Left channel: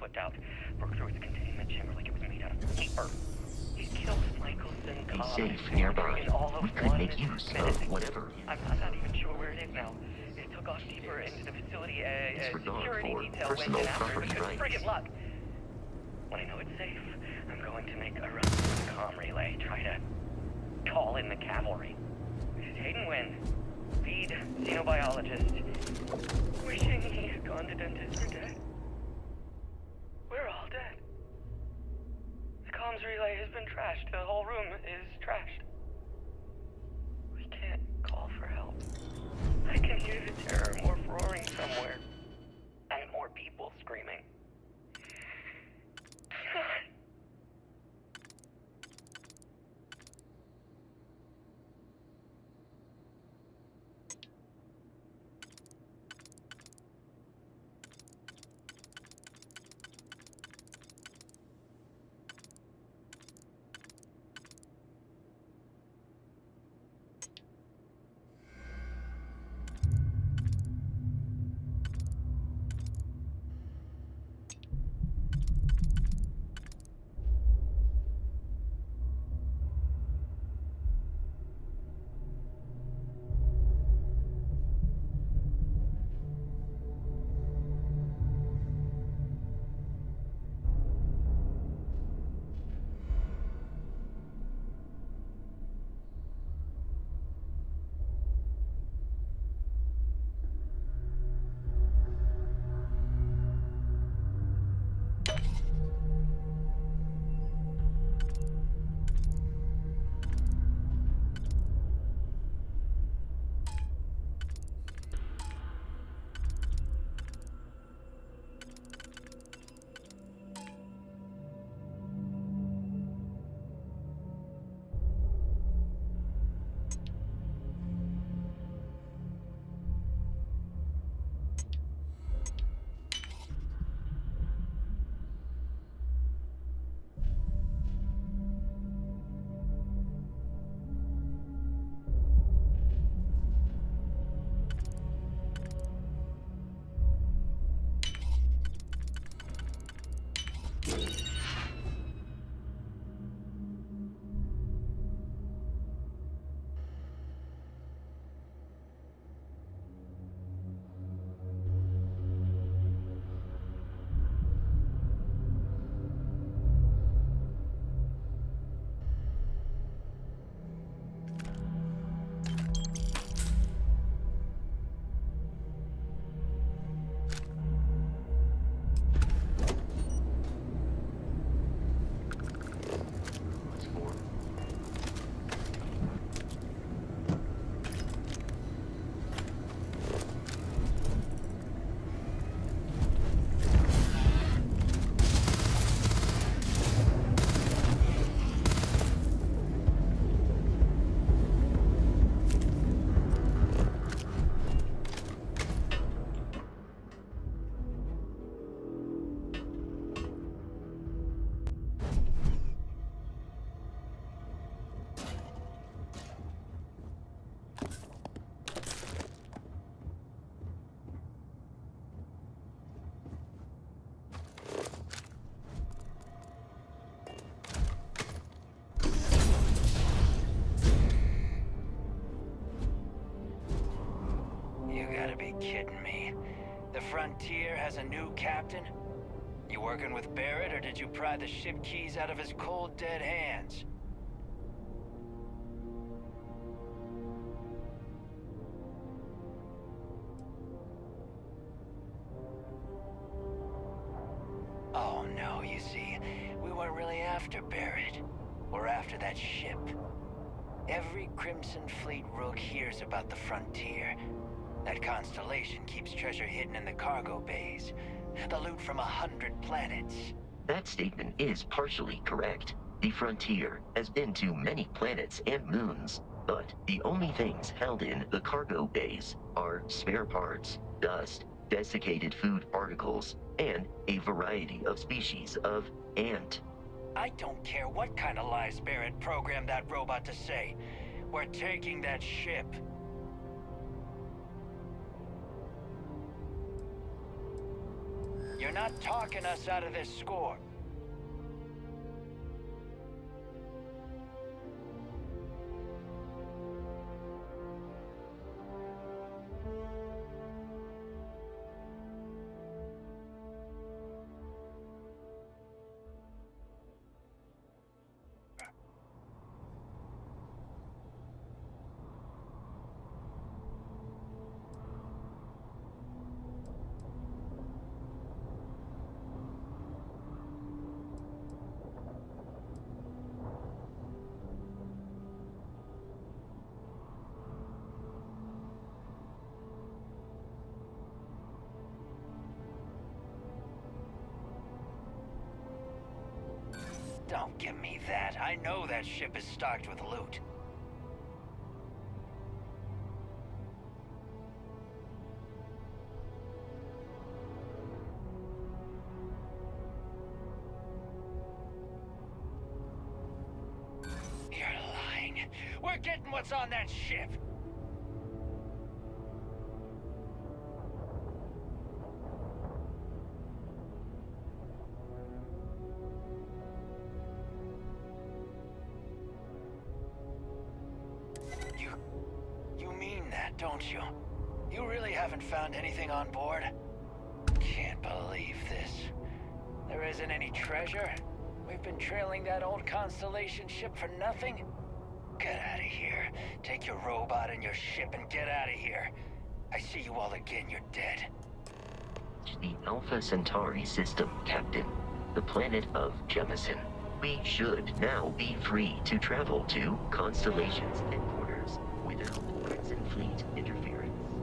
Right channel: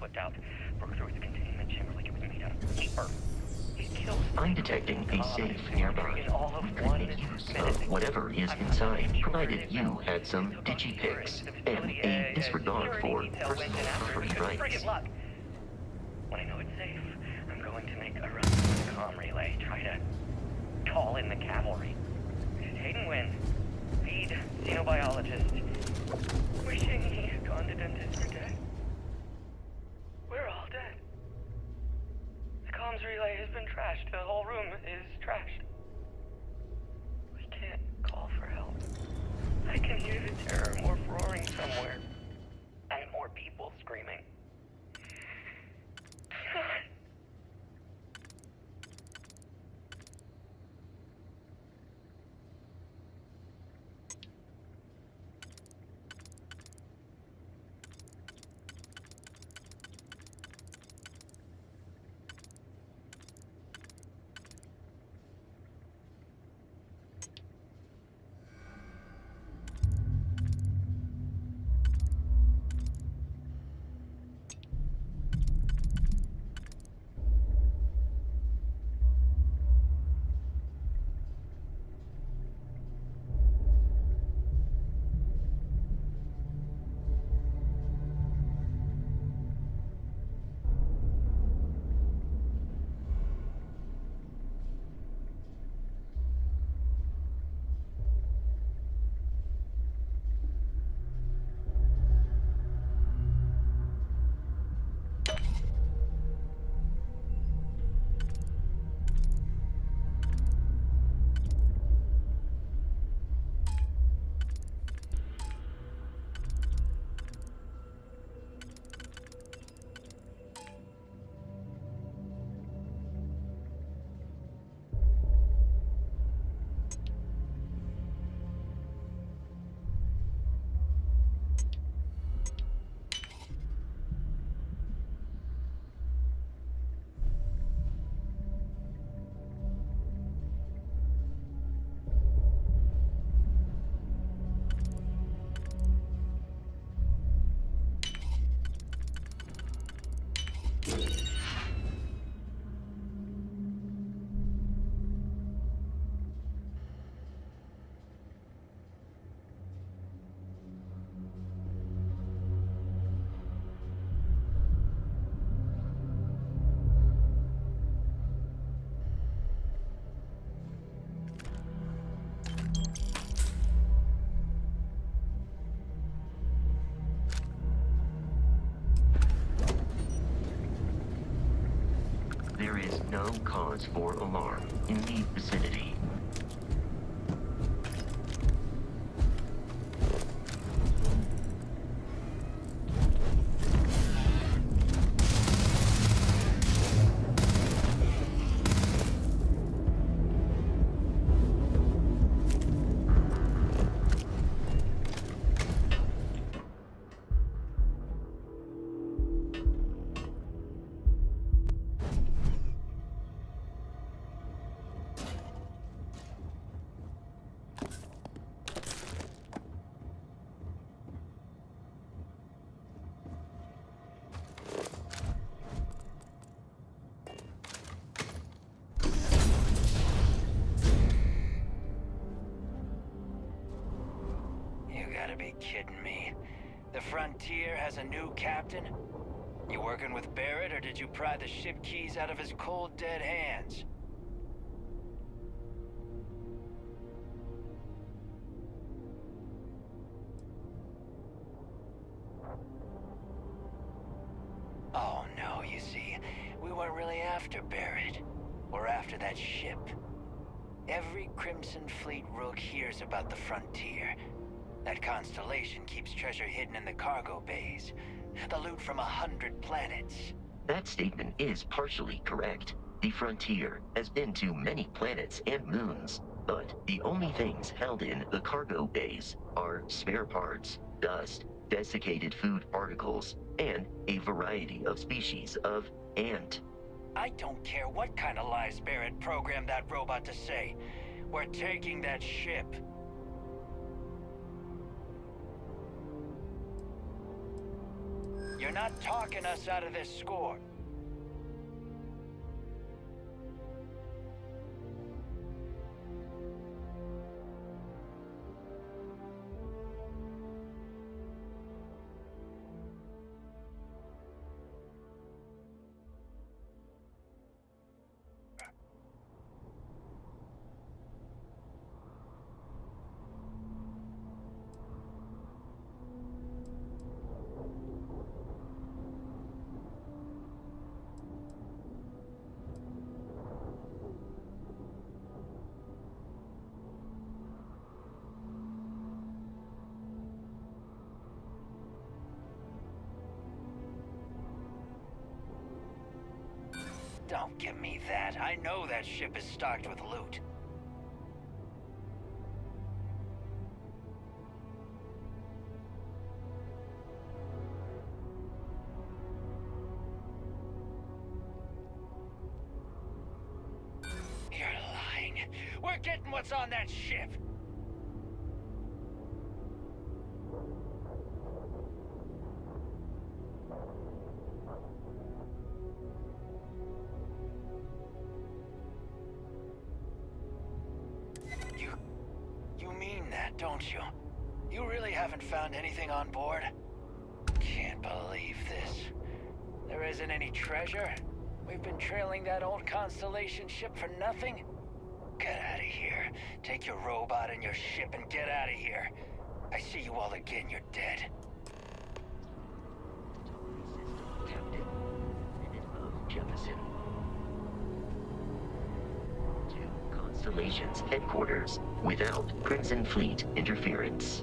flipped out, broke through its containment chamber like it was made out of paper. It kills I'm detecting a safe nearby. We could make use of whatever is inside, provided you had some digipics and a disregard for personal property rights. When I know it's safe, I'm going to make a run for the comm relay, try to call in the cavalry. Hayden Wynn, lead xenobiologist, wishing he had gone to dentist for dead. We're all dead. The comms relay has been trashed. The whole room is trashed. We can't call for help. I can hear the terror morph roaring somewhere. And more people screaming. God. For alarm in the vicinity. Kidding me. The Frontier has a new captain? You working with Barrett, or did you pry the ship keys out of his cold, dead hands? Oh no, you see, we weren't really after Barrett. We're after that ship. Every Crimson Fleet rook hears about the Frontier. That constellation keeps treasure hidden in the cargo bays. The loot from 100 planets. That statement is partially correct. The Frontier has been to many planets and moons, but the only things held in the cargo bays are spare parts, dust, desiccated food particles, and a variety of species of ant. I don't care what kind of lies Barrett programmed that robot to say. We're taking that ship. You're You're not talking us out of this score. Don't give me that. I know that ship is stocked with loot. You're lying. We're getting what's on that ship. You mean that, don't you? You really haven't found anything on board? Can't believe this. There isn't any treasure? We've been trailing that old Constellation ship for nothing? Get out of here. Take your robot and your ship and get out of here. I see you all again, you're dead. The Alpha Centauri system, Captain. The planet of Jemison. We should now be free to travel to Constellation's headquarters without Crimson Fleet interference.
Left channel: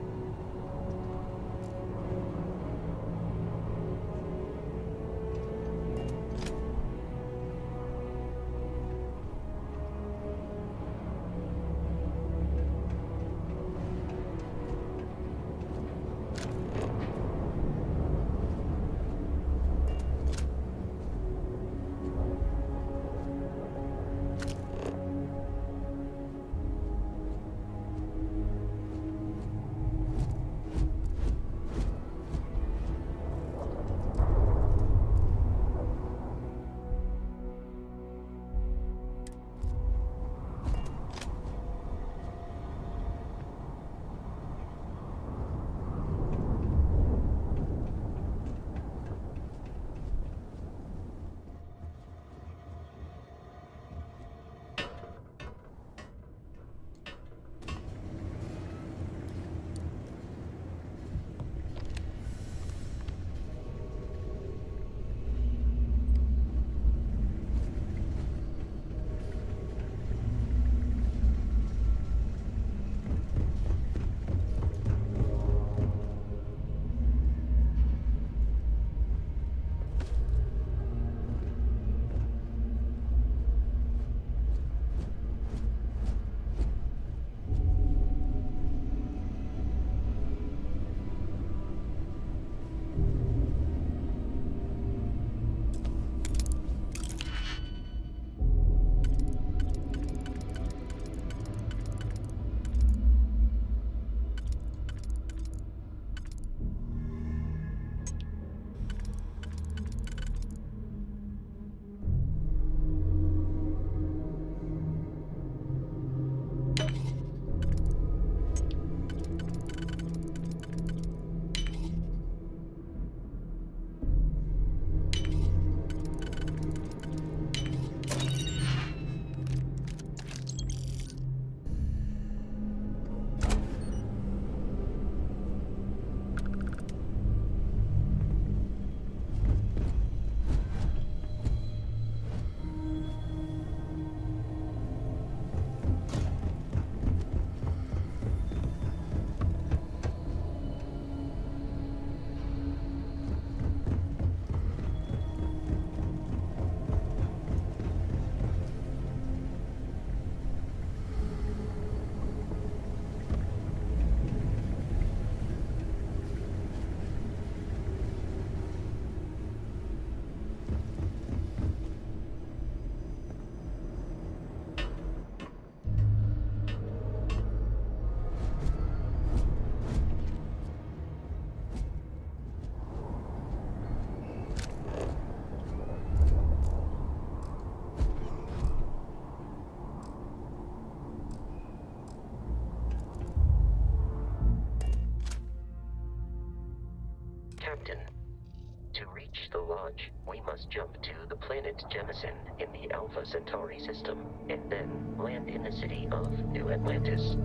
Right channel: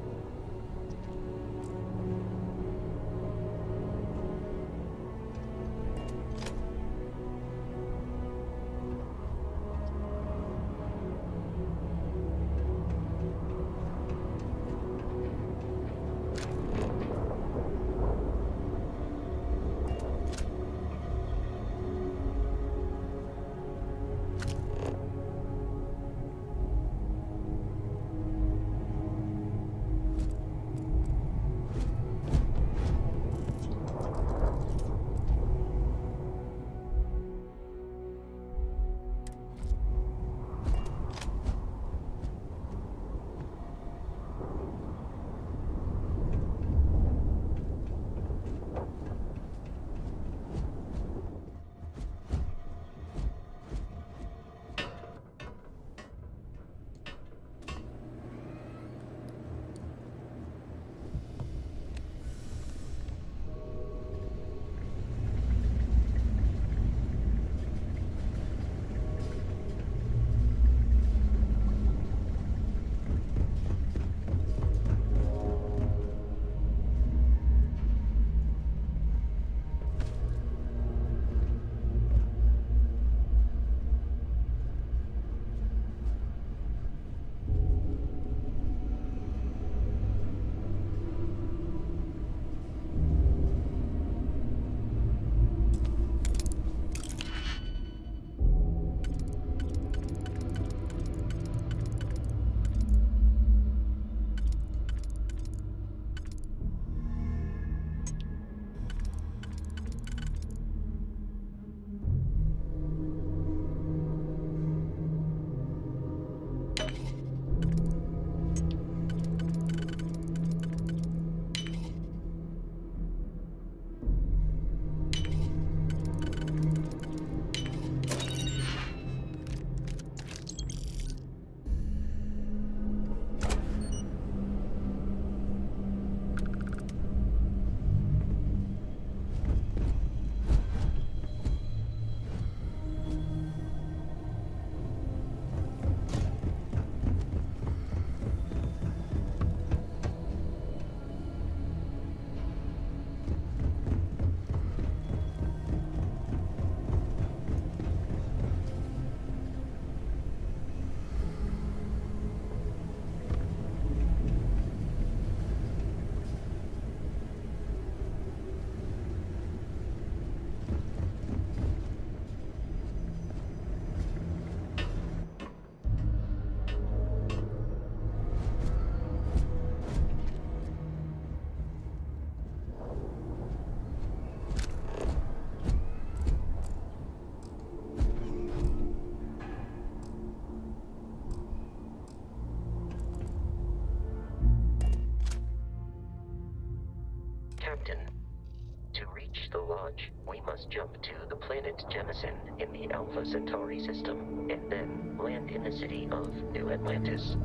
must jump to the planet Jemison in the Alpha Centauri system, and then land in the city of New Atlantis.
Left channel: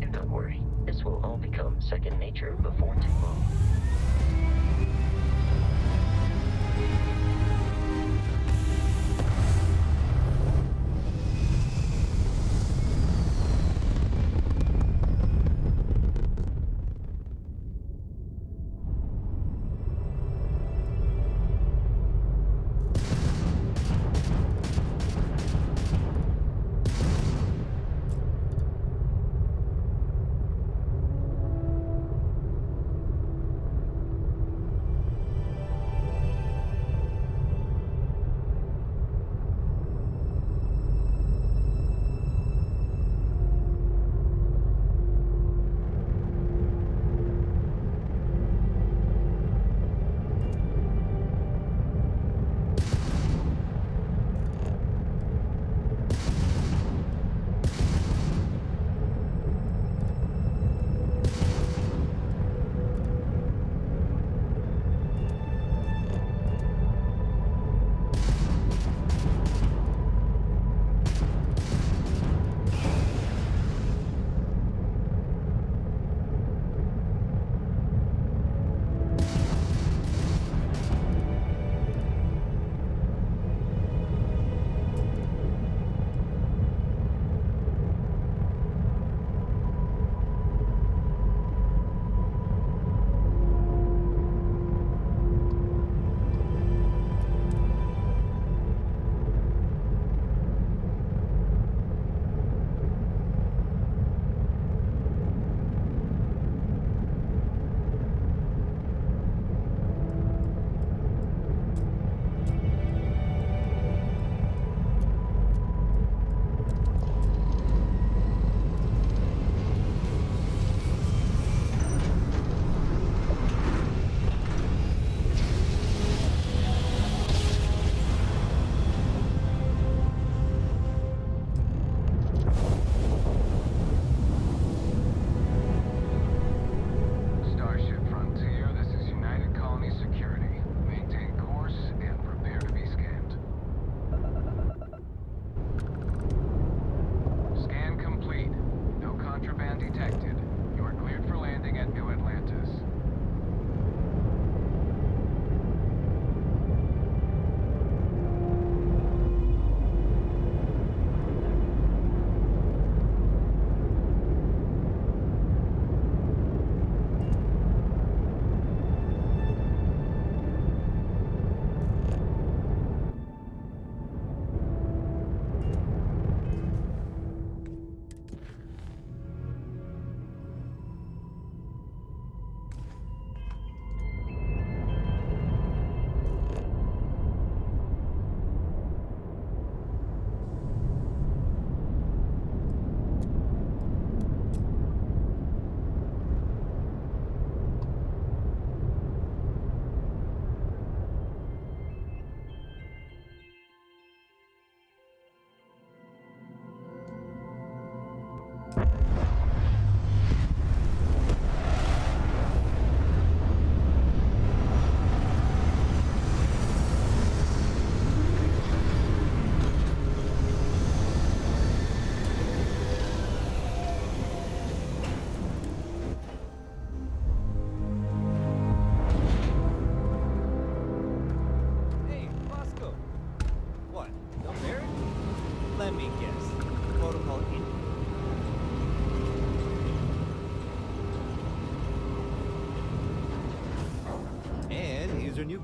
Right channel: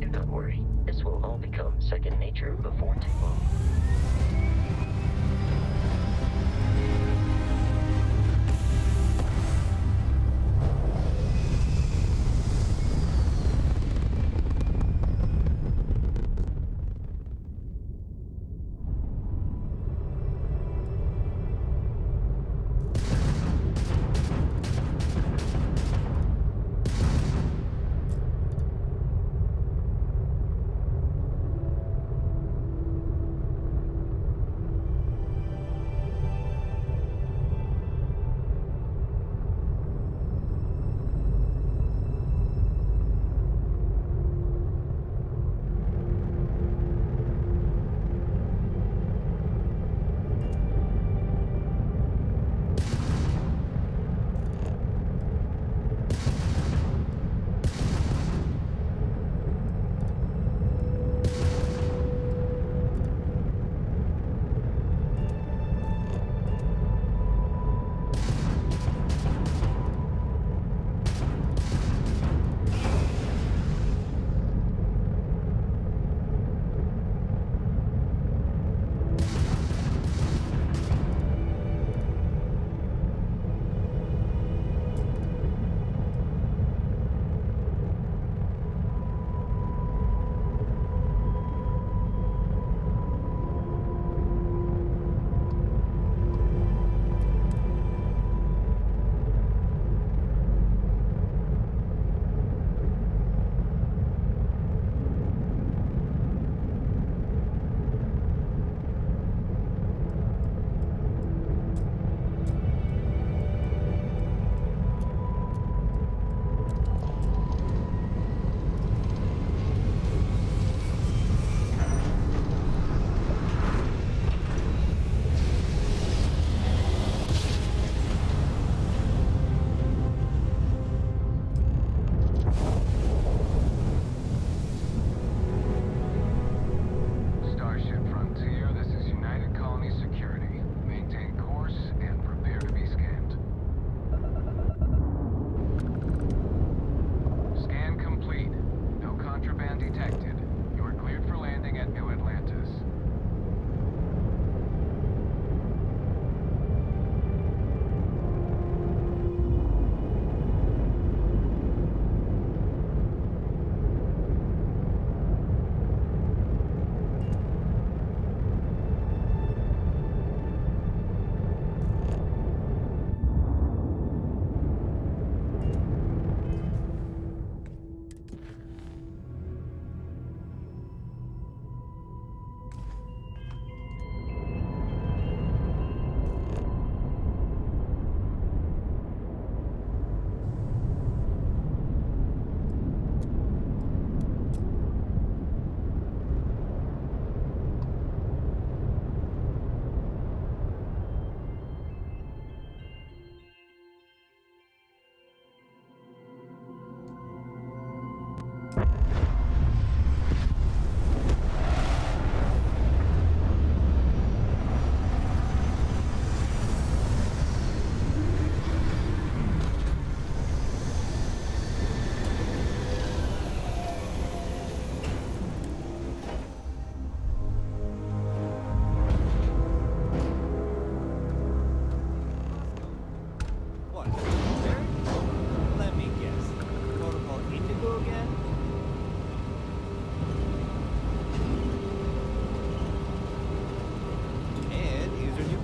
Do not worry, this will all become second nature before too long.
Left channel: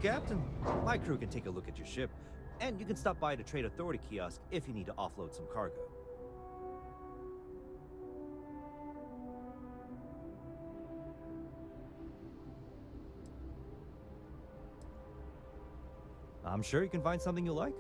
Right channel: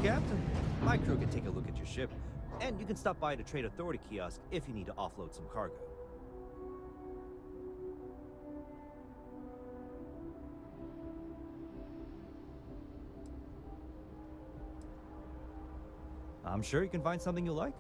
Captain, my crew can take a look at your ship, and you can stop by the Trade Authority kiosk if you need to offload some cargo. I'm sure you can find something you like.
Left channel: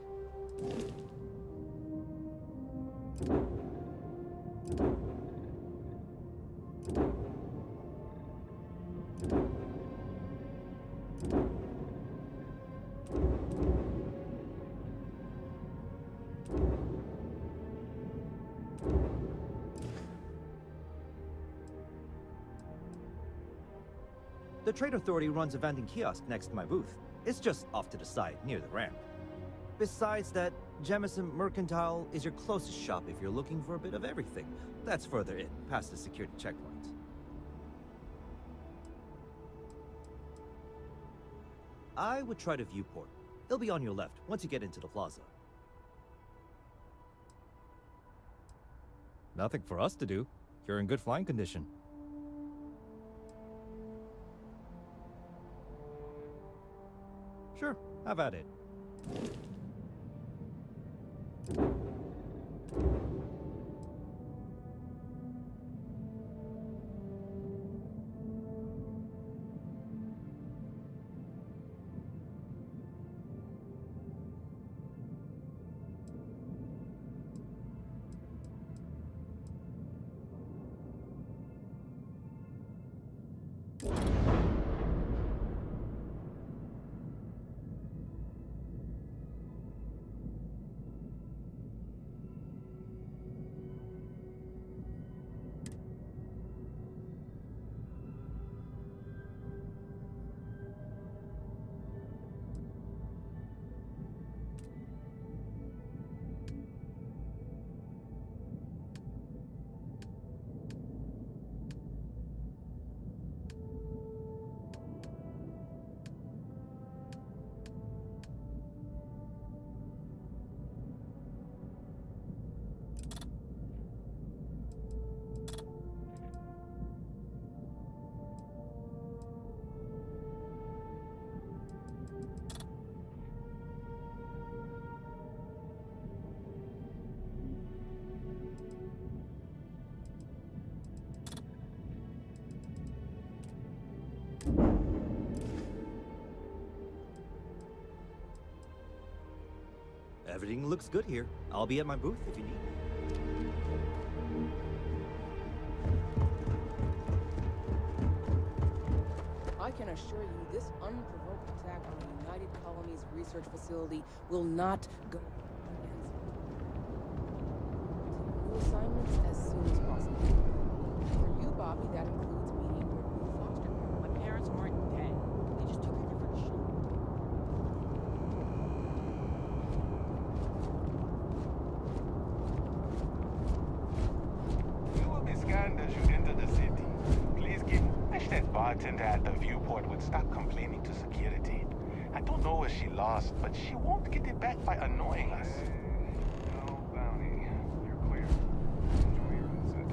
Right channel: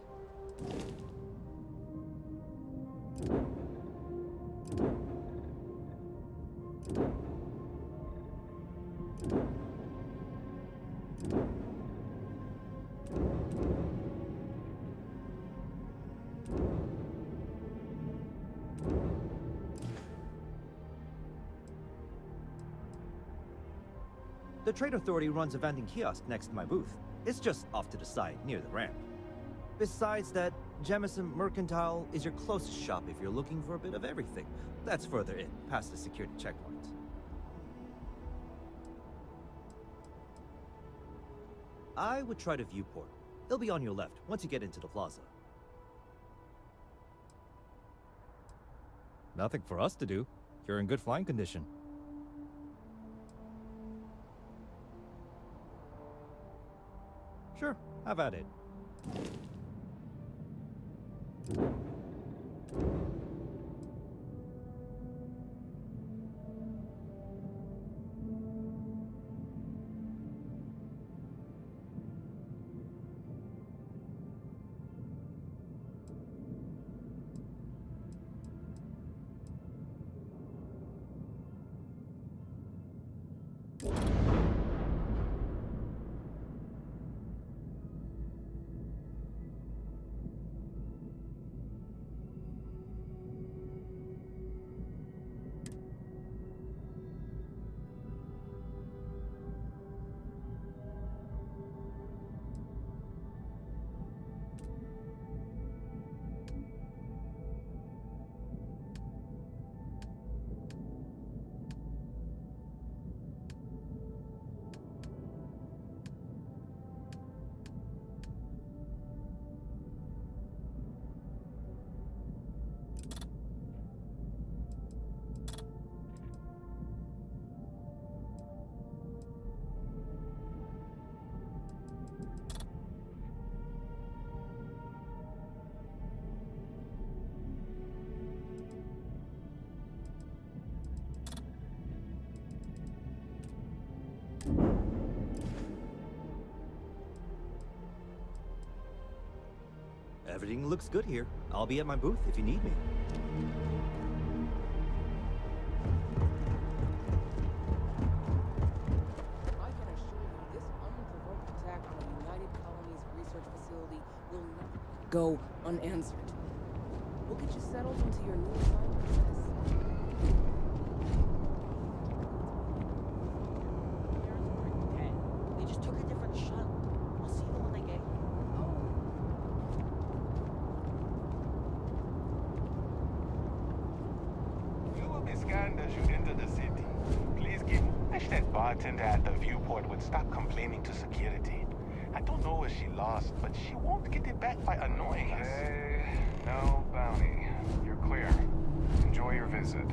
The Trade Authority runs a vending kiosk next to my booth. It's just off to the side, near the ramp. Besides that, Jemison Mercantile is your closest shop if you're looking for a bit of everything. That's further in, past the security checkpoint. I would try the viewport. It'll be on your left, once you get into the plaza. Nothing for us to do. You're in good flying condition. Sure, have at it. Everything looks good here. I'll be at my booth if you need me. I can assure you this unprovoked attack on a United Colonies research facility will not go unanswered. We'll get you settled into your new assignments as soon as possible. For you, Bobby, that includes meeting your new foster. My parents weren't dead. They just took a different shuttle. I'll see you when I get here. We will be scanned as you enter the city. Please keep... Wish that bartender at the viewport would stop complaining to security. I don't know where she lost, but she won't get it back by annoying us. No bounty. You're clear. Enjoy your visit.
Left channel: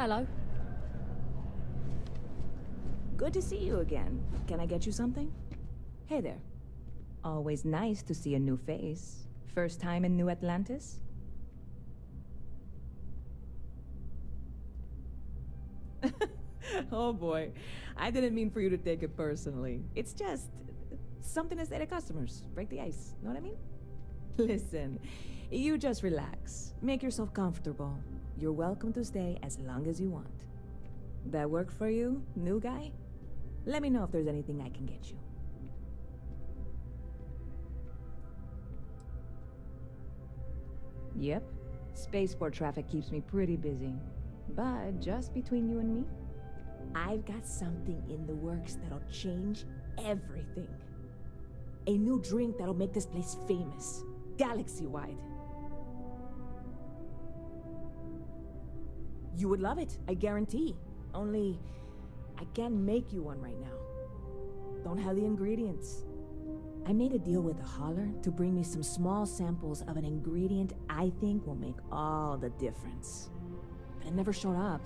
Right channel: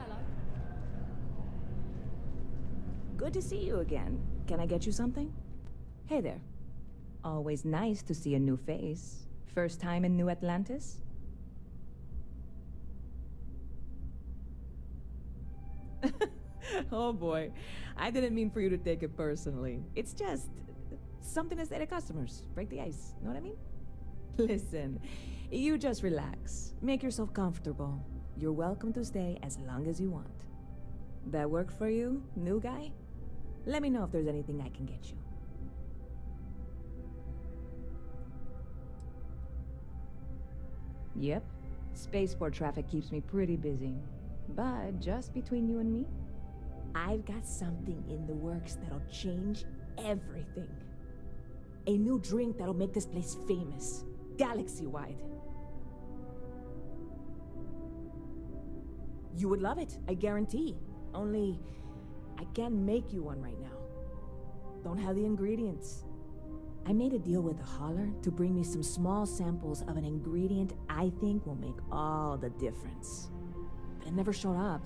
Hello. Good to see you again. Can I get you something? Hey there. Always nice to see a new face. First time in New Atlantis? Oh boy. I didn't mean for you to take it personally. It's just something to say to customers. Break the ice. Know what I mean? Listen, you just relax. Make yourself comfortable. You're welcome to stay as long as you want. That work for you, new guy? Let me know if there's anything I can get you. Yep. Spaceport traffic keeps me pretty busy. But just between you and me, I've got something in the works that'll change everything. A new drink that'll make this place famous, galaxy-wide. You would love it, I guarantee. Only, I can't make you one right now. Don't have the ingredients. I made a deal with the hauler to bring me some small samples of an ingredient I think will make all the difference. But it never showed up.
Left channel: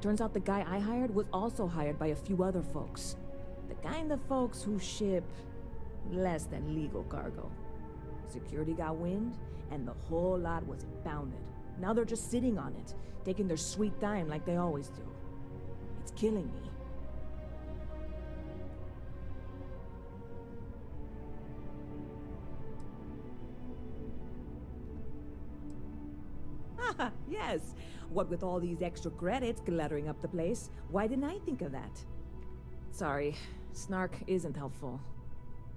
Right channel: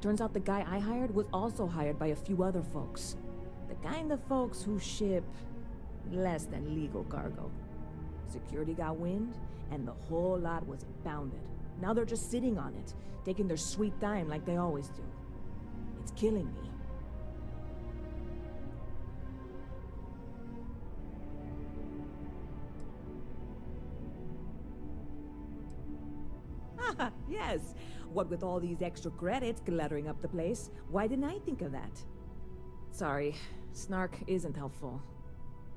Turns out the guy I hired was also hired by a few other folks. The kind of folks who ship less than legal cargo. Security got wind, and the whole lot was impounded. Now they're just sitting on it, taking their sweet time like they always do. It's killing me. Ah, yes. What with all these extra credits cluttering up the place, why didn't I think of that? Sorry, snark isn't helpful.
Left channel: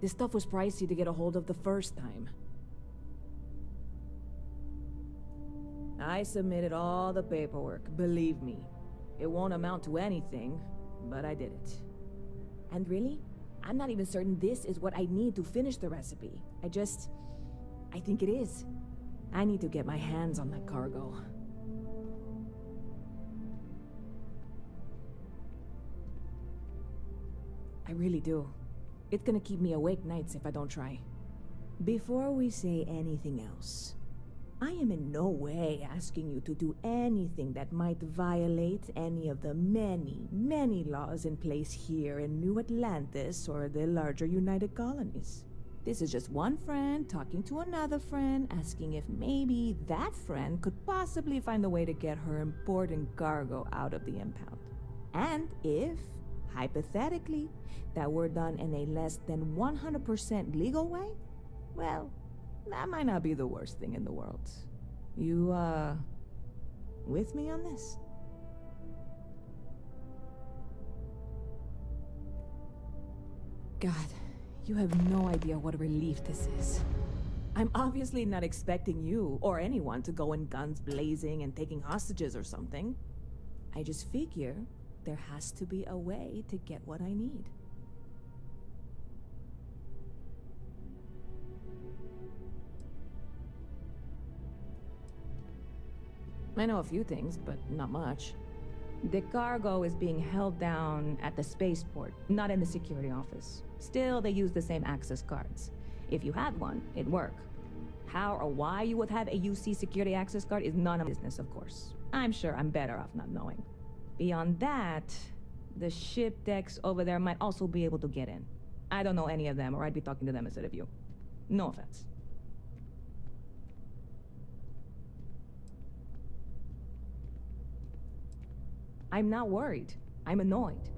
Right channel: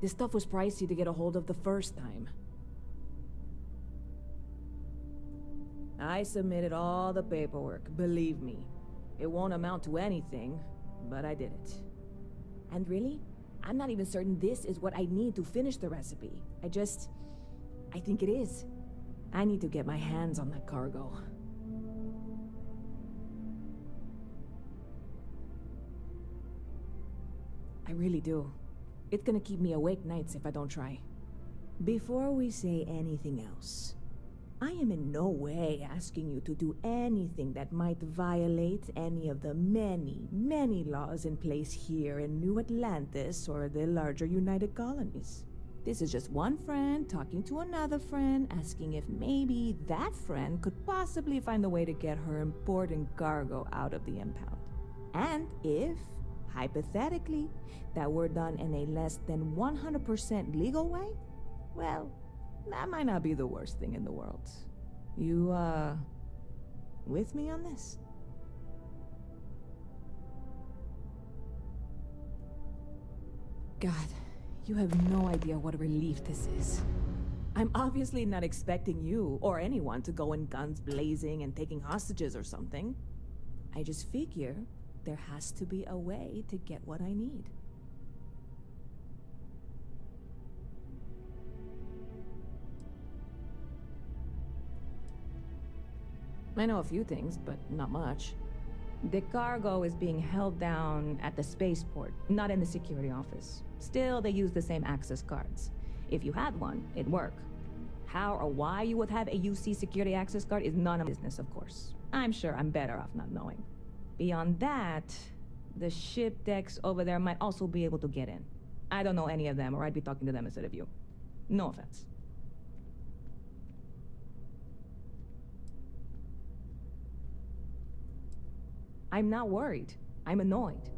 This stuff was pricey to get a hold of the first time. I submitted all the paperwork, believe me. It won't amount to anything, but I did it. And really, I'm not even certain this is what I need to finish the recipe. I think it is. I need to get my hands on that cargo. I really do. It's gonna keep me awake nights if I don't try. Before we say anything else, I am in no way asking you to do anything that might violate any of the many, many laws in place here in New Atlantis or the larger United Colonies. This is just one friend talking to another friend, asking if maybe that friend could possibly find a way to get her important cargo out of the impound. And if, hypothetically, that were done in a less than 100% legal way, well, that might not be the worst thing in the world. You, with me on this? God, you have no idea what a relief this is. I'm obviously not expecting you or anyone to go in guns blazing and taking hostages or something. I just figure there has to be a way to get what I need. I know a few things, but not much. The cargo is being held down at the spaceport, not in the security office. Still, they use the same access cards. If you had one, it'd work. How or why you would have a UC security access card is none of my business, of course. I'm sure I'm better off not knowing. Beyond that, the ship decks over there might also be able to get in. I don't know any of them, or I'd be talking to them instead of you. No offense. I'm not worried. I'm annoyed.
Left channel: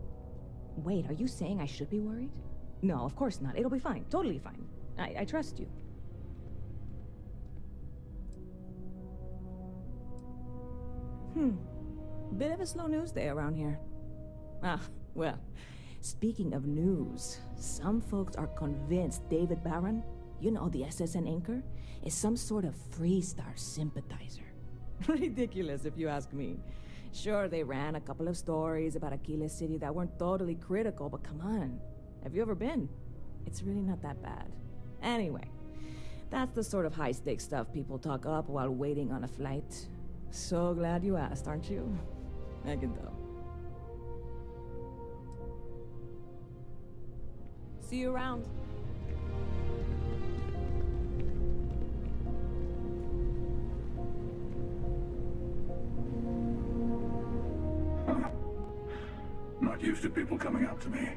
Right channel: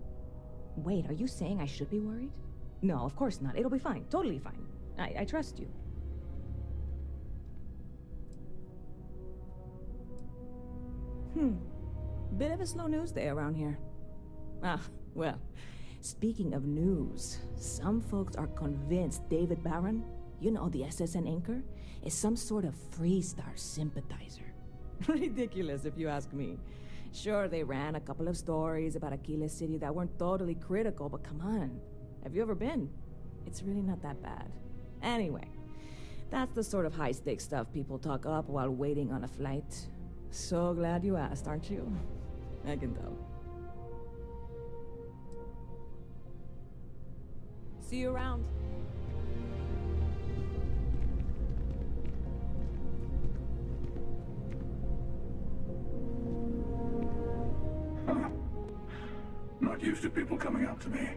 Wait, are you saying I should be worried? No, of course not. It'll be fine. Totally fine. I trust you. Bit of a slow news day around here. Ah, well, speaking of news, some folks are convinced David Barron, you know, the SSN anchor, is some sort of Freestar sympathizer. Ridiculous if you ask me. Sure, they ran a couple of stories about Aquila City that weren't totally critical, but come on. Have you ever been? It's really not that bad. Anyway, that's the sort of high-stakes stuff people talk up while waiting on a flight. So glad you asked, aren't you? I can tell. See you around. not used to people coming up to me.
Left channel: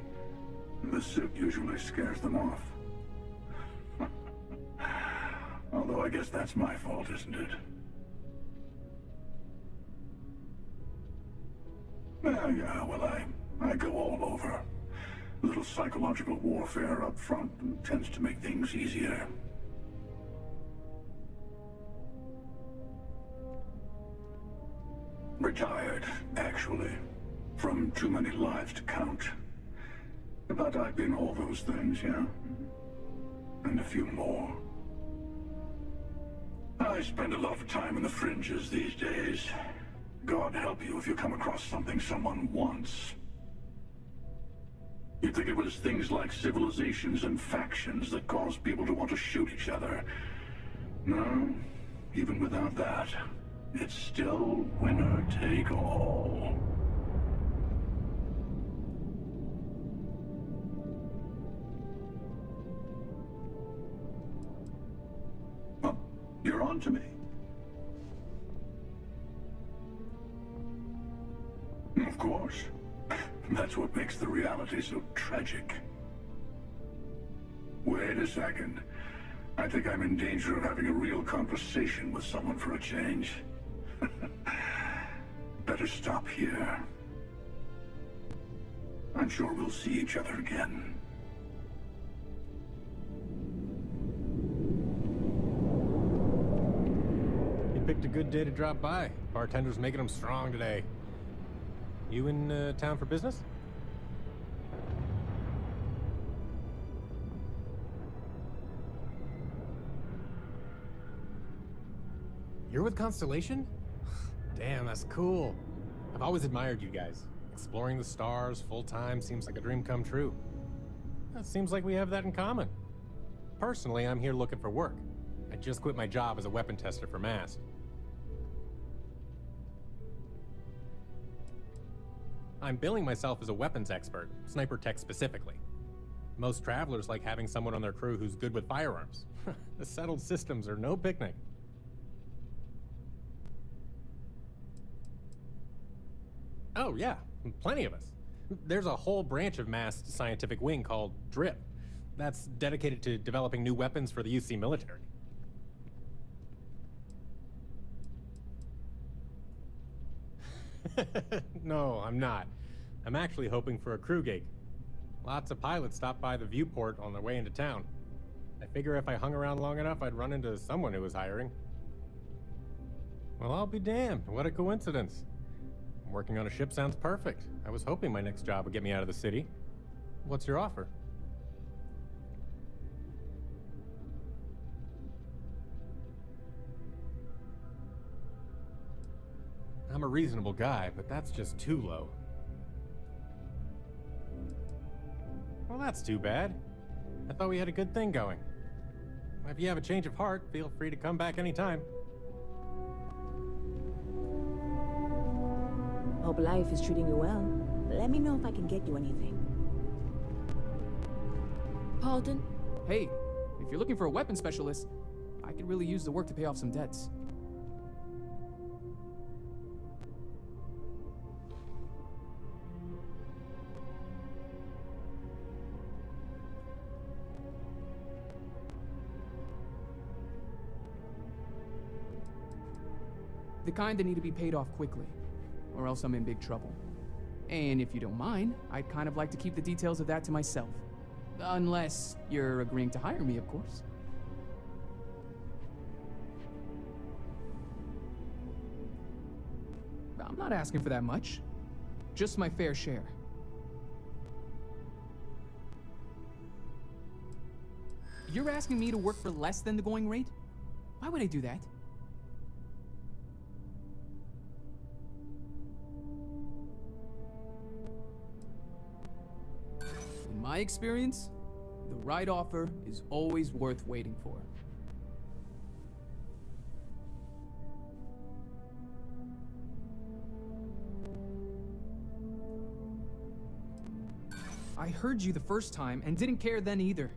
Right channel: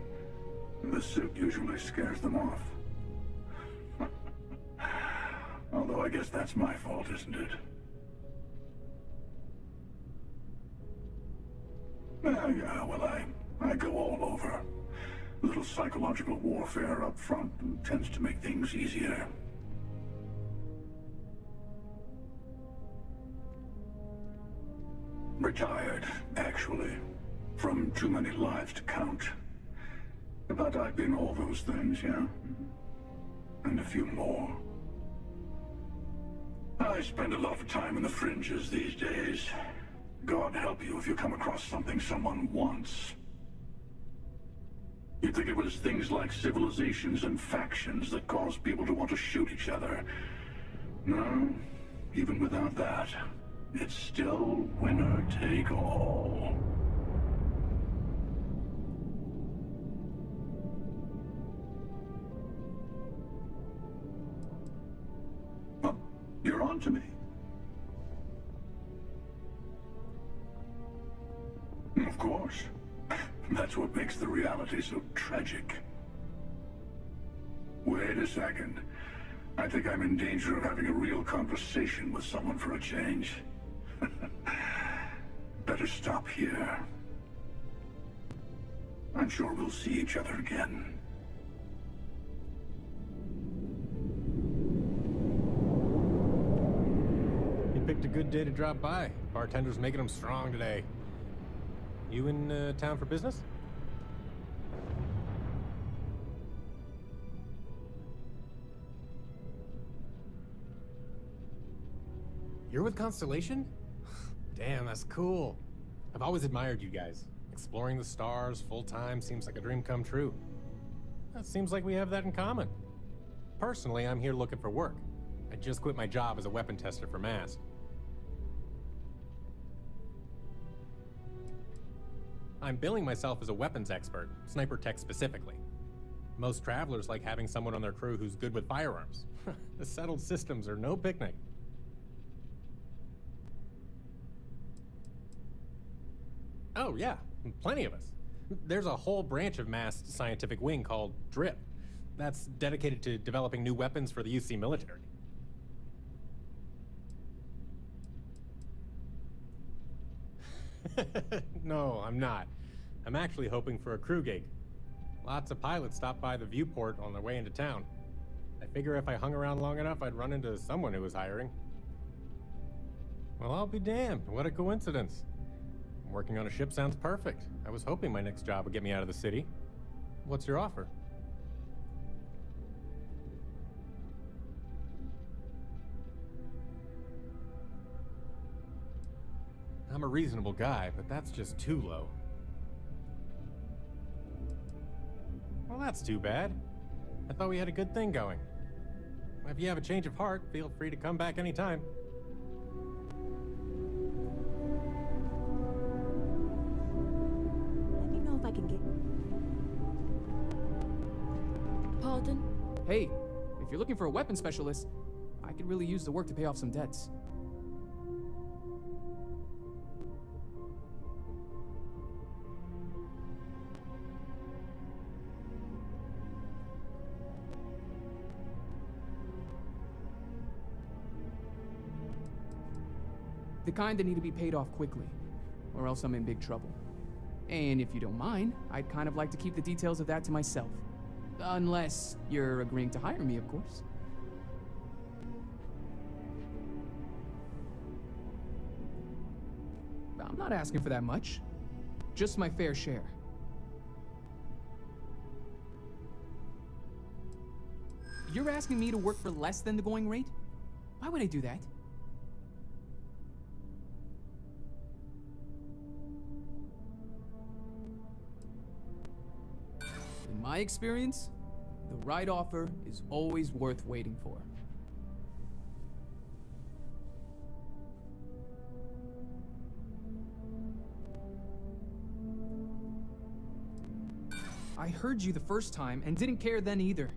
The suit usually scares them off. Although I guess that's my fault, isn't it? Yeah, well, I go all over. A little psychological warfare up front tends to make things easier. Retired, actually. From too many lives to count. But I've been all those things, yeah? And a few more. I spend a lot of time in the fringes these days. God help you if you come across something someone wants. You'd think it was things like civilizations and factions that cause people to want to shoot each other. No, even without that, it's still winner take all. Oh, you're on to me. Of course. That's what makes the reality so tragic. Wait a second. I think I'm in danger of having a real conversation with someone for a change. Better stop here. I'm sure we'll see each other again. You picked a good day to drop by. Bartender's making them strong today. You in town for business? You're with Constellation? Damn, that's cool. I've always admired you guys. Exploring the stars full-time seems like a dream come true. It seems like we have that in common. Personally, I'm here looking for work. I just quit my job as a weapon tester for MAST. I'm billing myself as a weapons expert, sniper tech specifically. Most travelers like having someone on their crew who's good with firearms. The settled systems are no picnic. Oh yeah, plenty of us. There's a whole branch of MAST scientific wing called DRIP. That's dedicated to developing new weapons for the UC military. No, I'm not. I'm actually hoping for a crew gig. Lots of pilots stop by the viewport on their way into town. I figure if I hung around long enough, I'd run into someone who was hiring. Well, I'll be damned. What a coincidence. Working on a ship sounds perfect. I was hoping my next job would get me out of the city. What's your offer? I'm a reasonable guy, but that's just too low. Well, that's too bad. I thought we had a good thing going. If you have a change of heart, feel free to come back anytime. Hope life is treating you well. Let me know if I can get you anything. Paulton? Hey, if you're looking for a weapon specialist, I could really use the work to pay off some debts. The kind that need to be paid off quickly, or else I'm in big trouble. And if you don't mind, I'd kind of like to keep the details of that to myself. Unless you're agreeing to hire me, of course. I'm not asking for that much. Just my fair share. You're asking me to work for less than the going rate? Why would I do that? In my experience, the right offer is always worth waiting for. I heard you the first time and didn't care then either.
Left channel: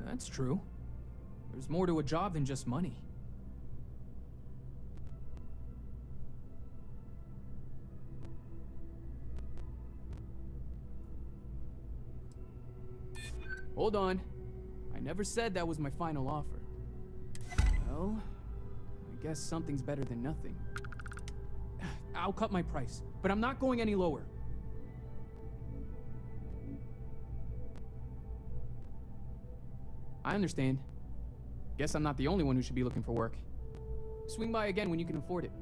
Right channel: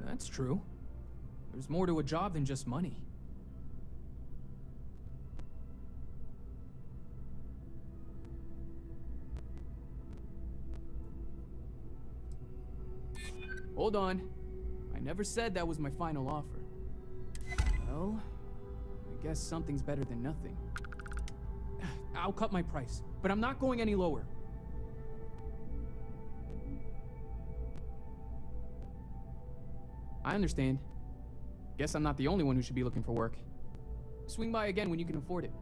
That's true. There's more to a job than just money. Hold on. I never said that was my final offer. Well, I guess something's better than nothing. I'll cut my price, but I'm not going any lower. I understand. Guess I'm not the only one who should be looking for work. Swing by again when you can afford it.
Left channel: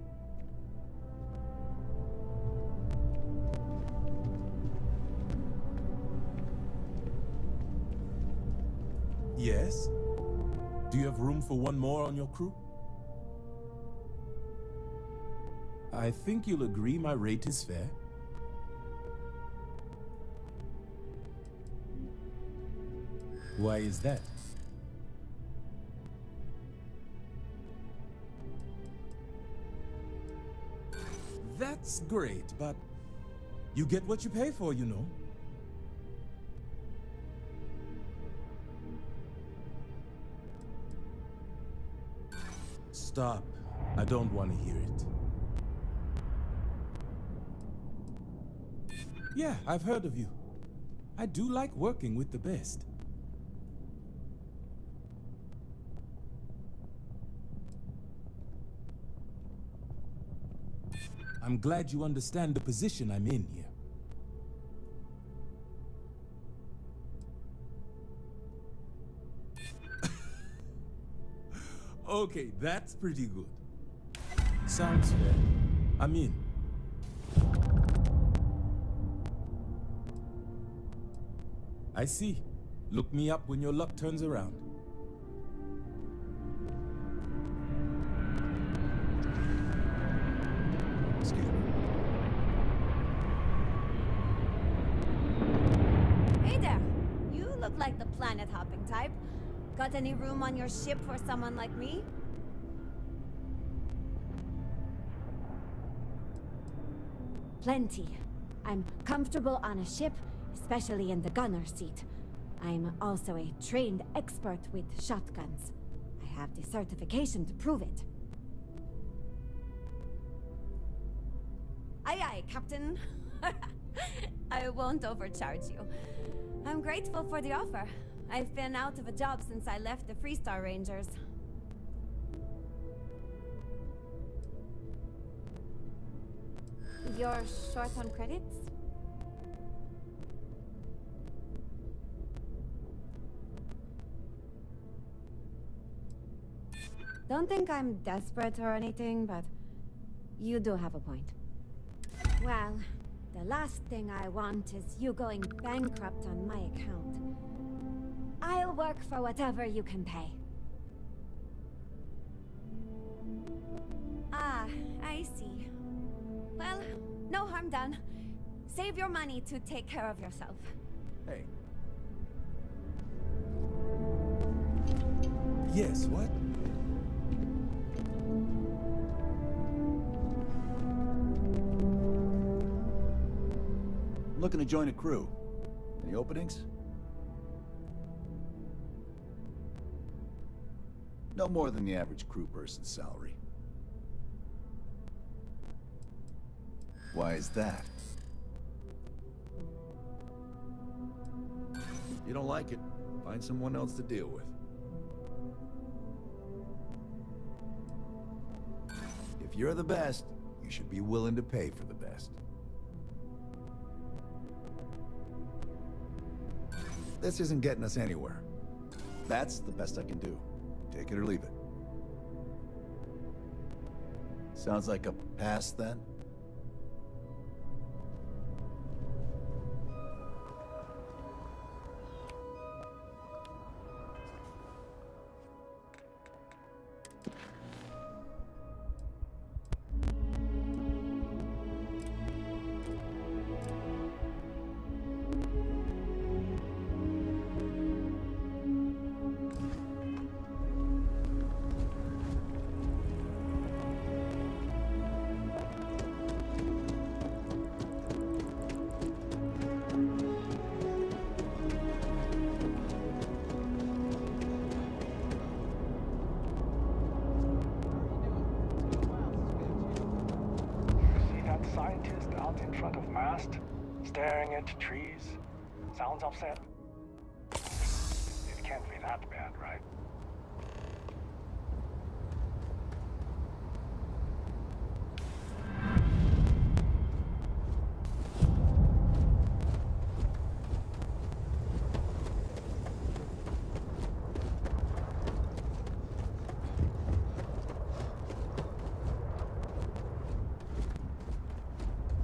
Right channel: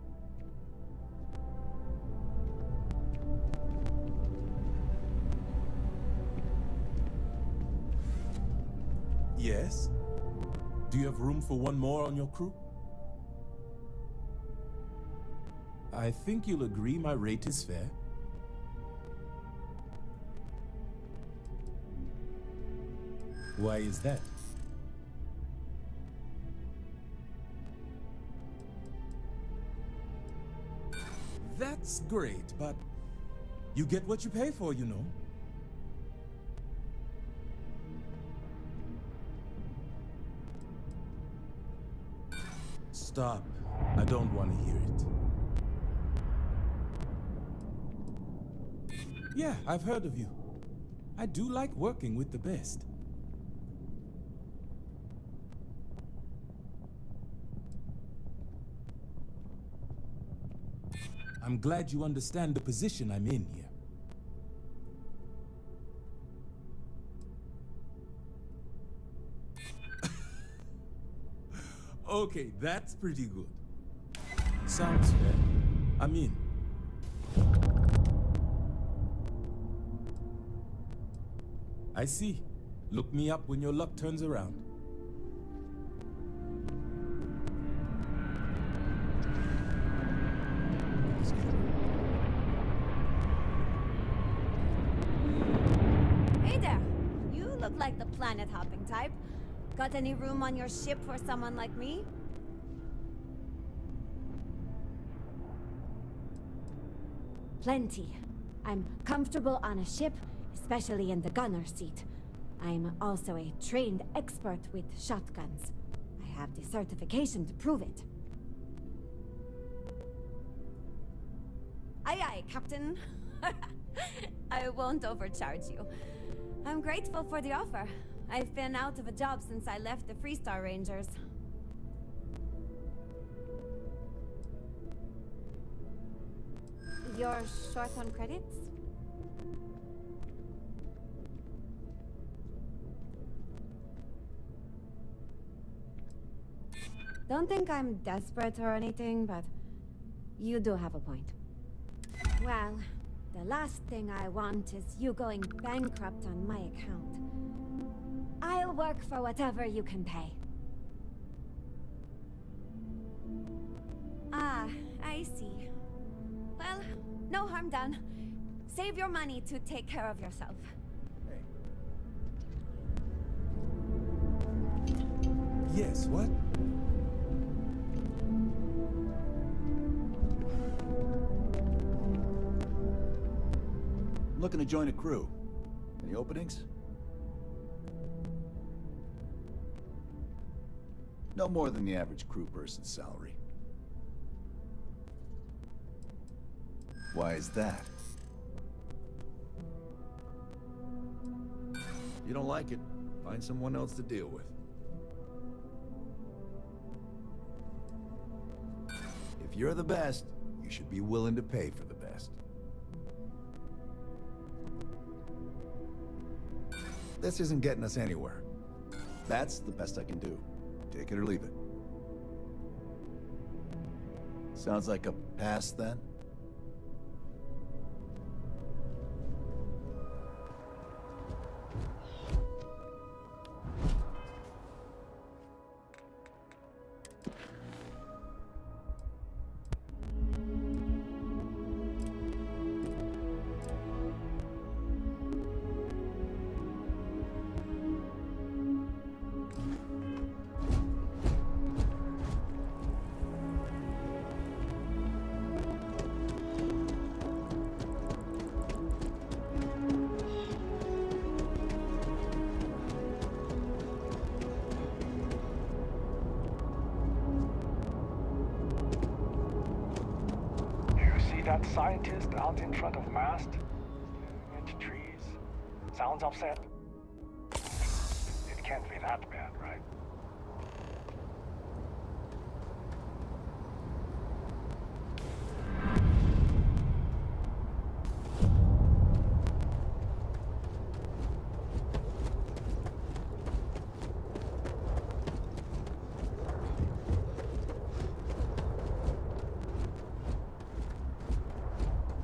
Yes? Do you have room for one more on your crew? I think you'll agree my rate is fair. Why is that? That's great, but you get what you pay for, you know. Stop. I don't want to hear it. Yeah, I've heard of you. I do like working with the best. I'm glad you understand the position I'm in here. Okay, that's pretty good. Sounds fair. I'm in. I see. Look me up when your luck turns around. Hey there! You look like the planet-hopping type. Got any room on your ship for someone like me? Plenty. I'm comfortable on a ship, especially in the gunner seat. I'm also a trained expert with shotguns. I have the certification to prove it. Aye aye, Captain. I won't overcharge you. I'm grateful for the offer. I've been out of a job since I left the Freestar Rangers. You're short on credits? Don't think I'm desperate or anything, but you do have a point. Well, the last thing I want is you going bankrupt on my account. I'll work for whatever you can pay. Ah, I see. Well, no harm done. Save your money to take care of yourself. Hey. Yes, what? I'm looking to join a crew. Any openings? No more than the average crew person's salary. Why is that? You don't like it, find someone else to deal with. If you're the best, you should be willing to pay for the best. This isn't getting us anywhere. That's the best I can do. Take it or leave it. Sounds like a pass, then? That scientist out in front of mast, staring into trees, sounds upset. that bad, right?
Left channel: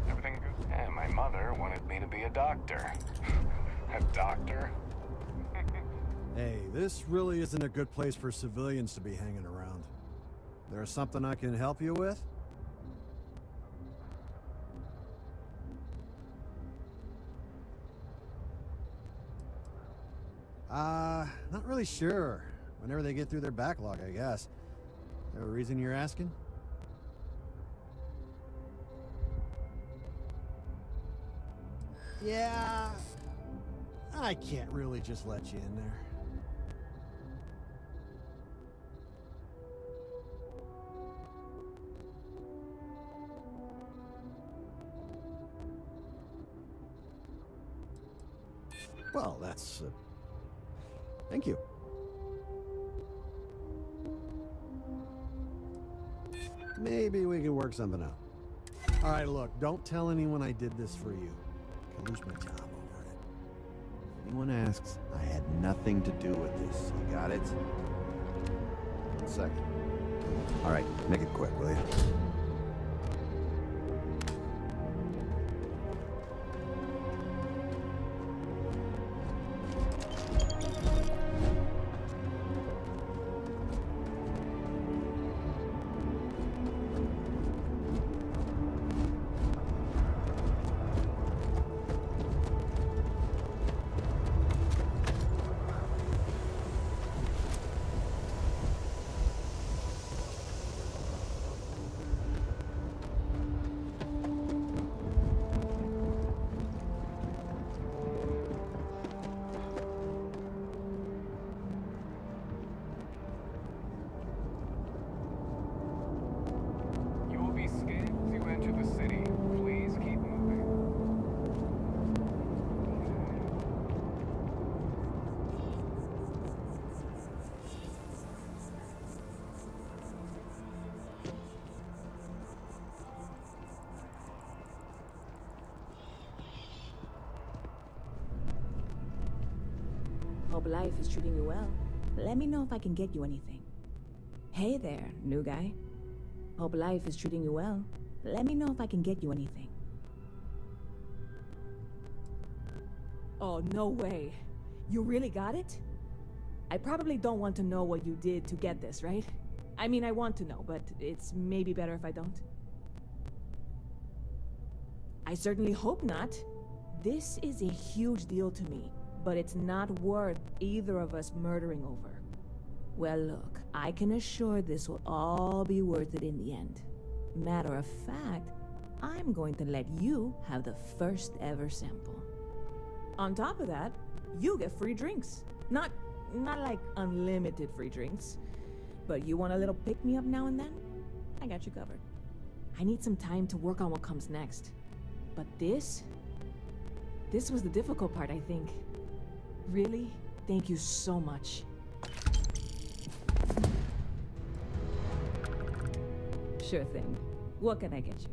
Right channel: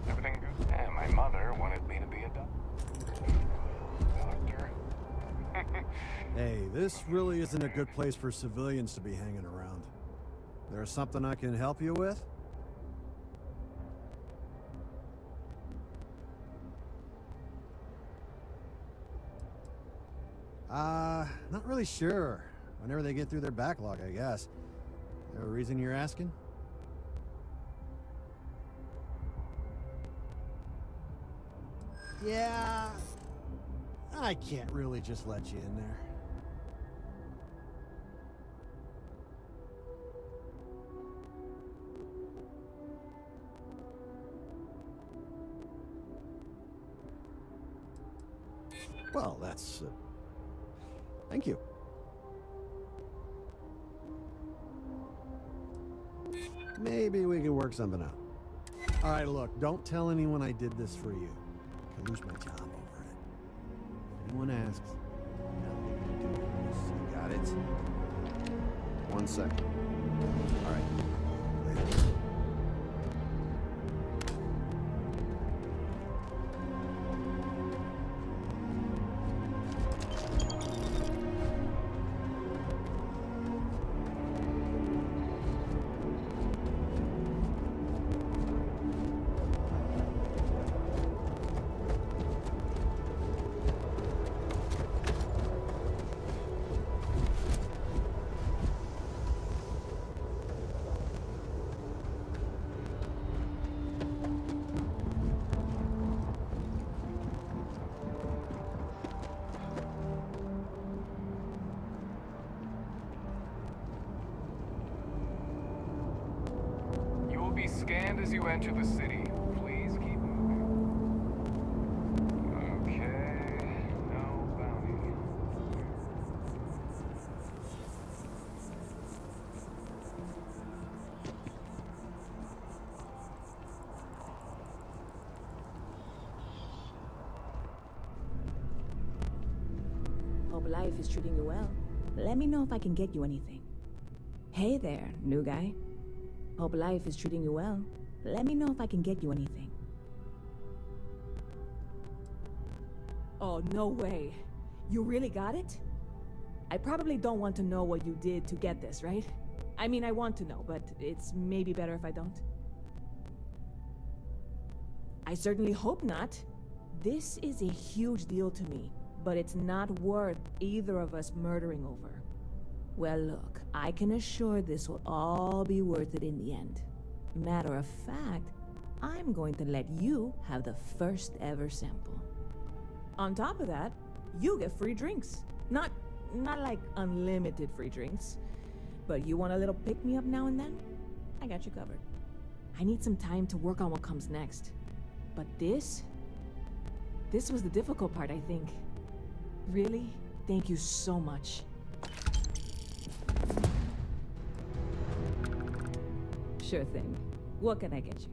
Everything good? Yeah, my mother wanted me to be a doctor. A doctor? Hey, this really isn't a good place for civilians to be hanging around. There's something I can help you with? Not really sure. Whenever they get through their backlog, I guess. Is there a reason you're asking? Yeah, I can't really just let you in there. Well, that's... thank you. Maybe we can work something out. All right, look, don't tell anyone I did this for you. I could lose my job over it. If anyone asks, I had nothing to do with this. You got it? 1 second. All right, make it quick, will you? Be scanned as you enter the city. Please keep moving. Okay. No bounty. Hope life is treating you well. Let me know if I can get you anything. Hey there, new guy. Hope life is treating you well. Let me know if I can get you anything. Oh, no way. You really got it? I probably don't want to know what you did to get this, right? I mean, I want to know, but it's maybe better if I don't. I certainly hope not. This is a huge deal to me, but it's not worth either of us murdering over. Well, look, I can assure this will all be worth it in the end. Matter of fact, I'm going to let you have the first ever sample. On top of that, you get free drinks. Not like unlimited free drinks, but you want a little pick-me-up now and then? I got you covered. I need some time to work on what comes next. But this was the difficult part, I think. Really, thank you so much. Sure thing. What can I get you?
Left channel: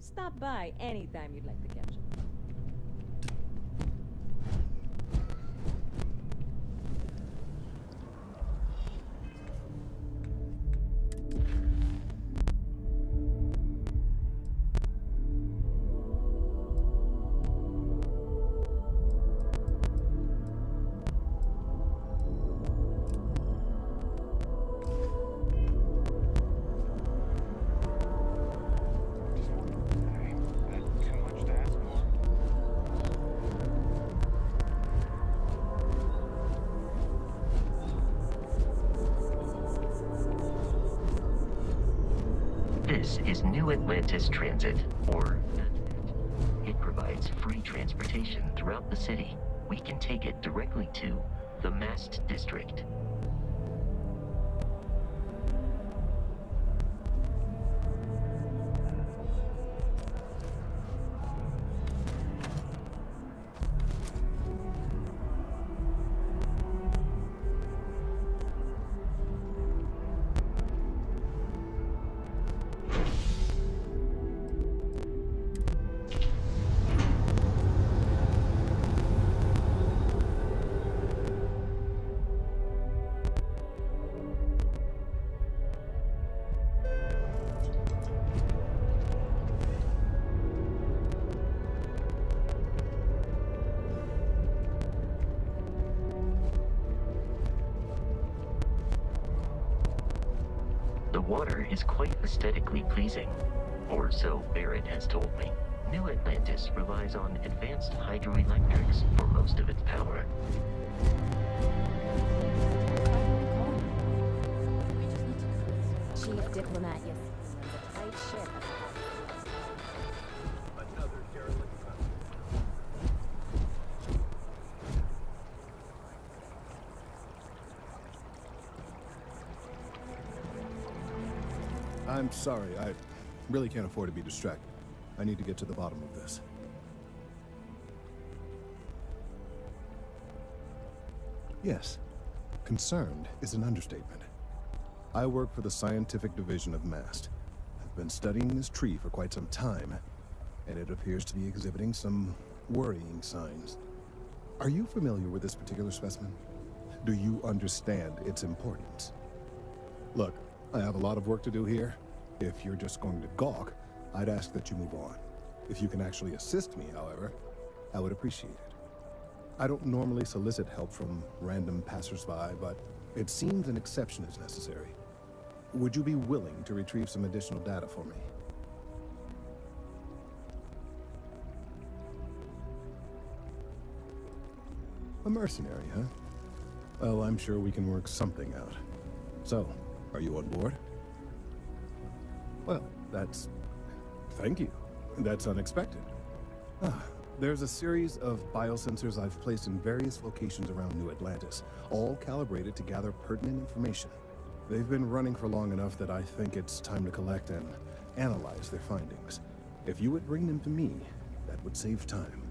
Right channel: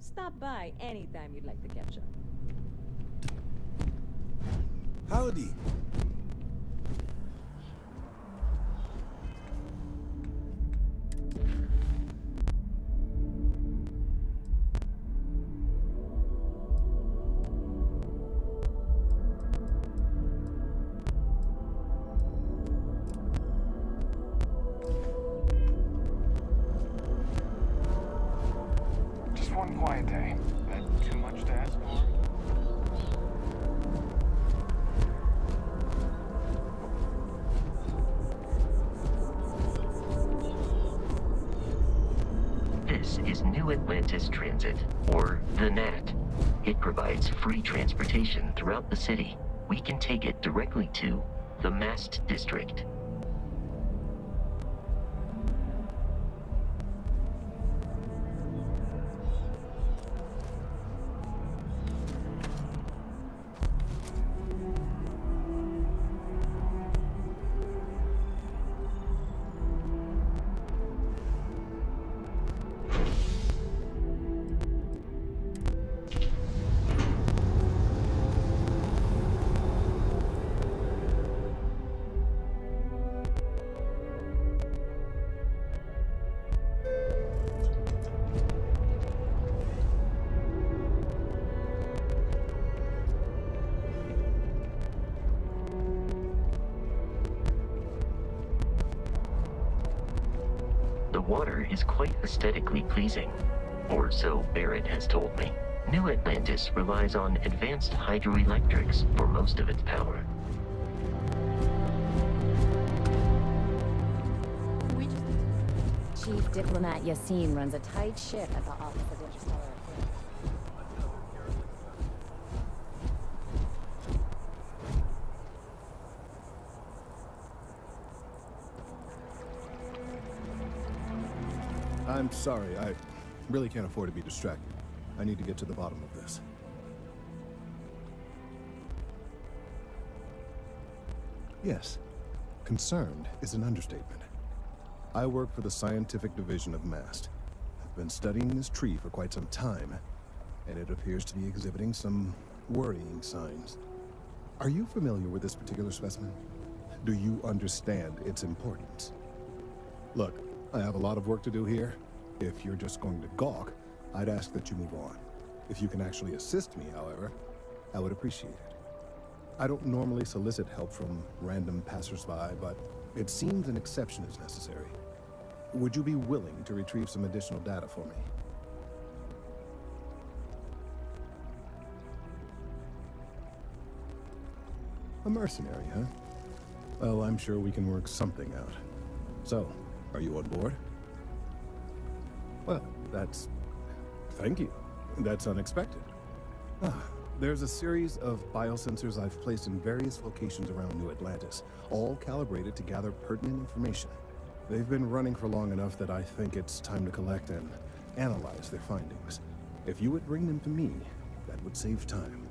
Stop by anytime you'd like to catch up. Howdy. Just one quiet day. That too much to ask for? This is New Atlantis Transit, or the NAT. It provides free transportation throughout the city. We can take it directly to the Mast District. The water is quite aesthetically pleasing, or so Barrett has told me. New Atlantis relies on advanced hydroelectrics for most of its power. Chief Diplomat Yassine runs a tight ship at the Office of I'm sorry, I really can't afford to be distracted. I need to get to the bottom of this. Yes, concerned is an understatement. I work for the scientific division of MAST. I've been studying this tree for quite some time, and it appears to be exhibiting some worrying signs. Are you familiar with this particular specimen? Do you understand its importance? Look, I have a lot of work to do here. If you're just going to gawk, I'd ask that you move on. If you can actually assist me, however, I would appreciate it. I don't normally solicit help from random passersby, but it seems an exception is necessary. Would you be willing to retrieve some additional data for me? A mercenary, huh? Well, I'm sure we can work something out. So, are you on board? Well, thank you. That's unexpected. There's a series of biosensors I've placed in various locations around New Atlantis, all calibrated to gather pertinent information. They've been running for long enough that I think it's time to collect and analyze their findings. If you would bring them to me, that would save time.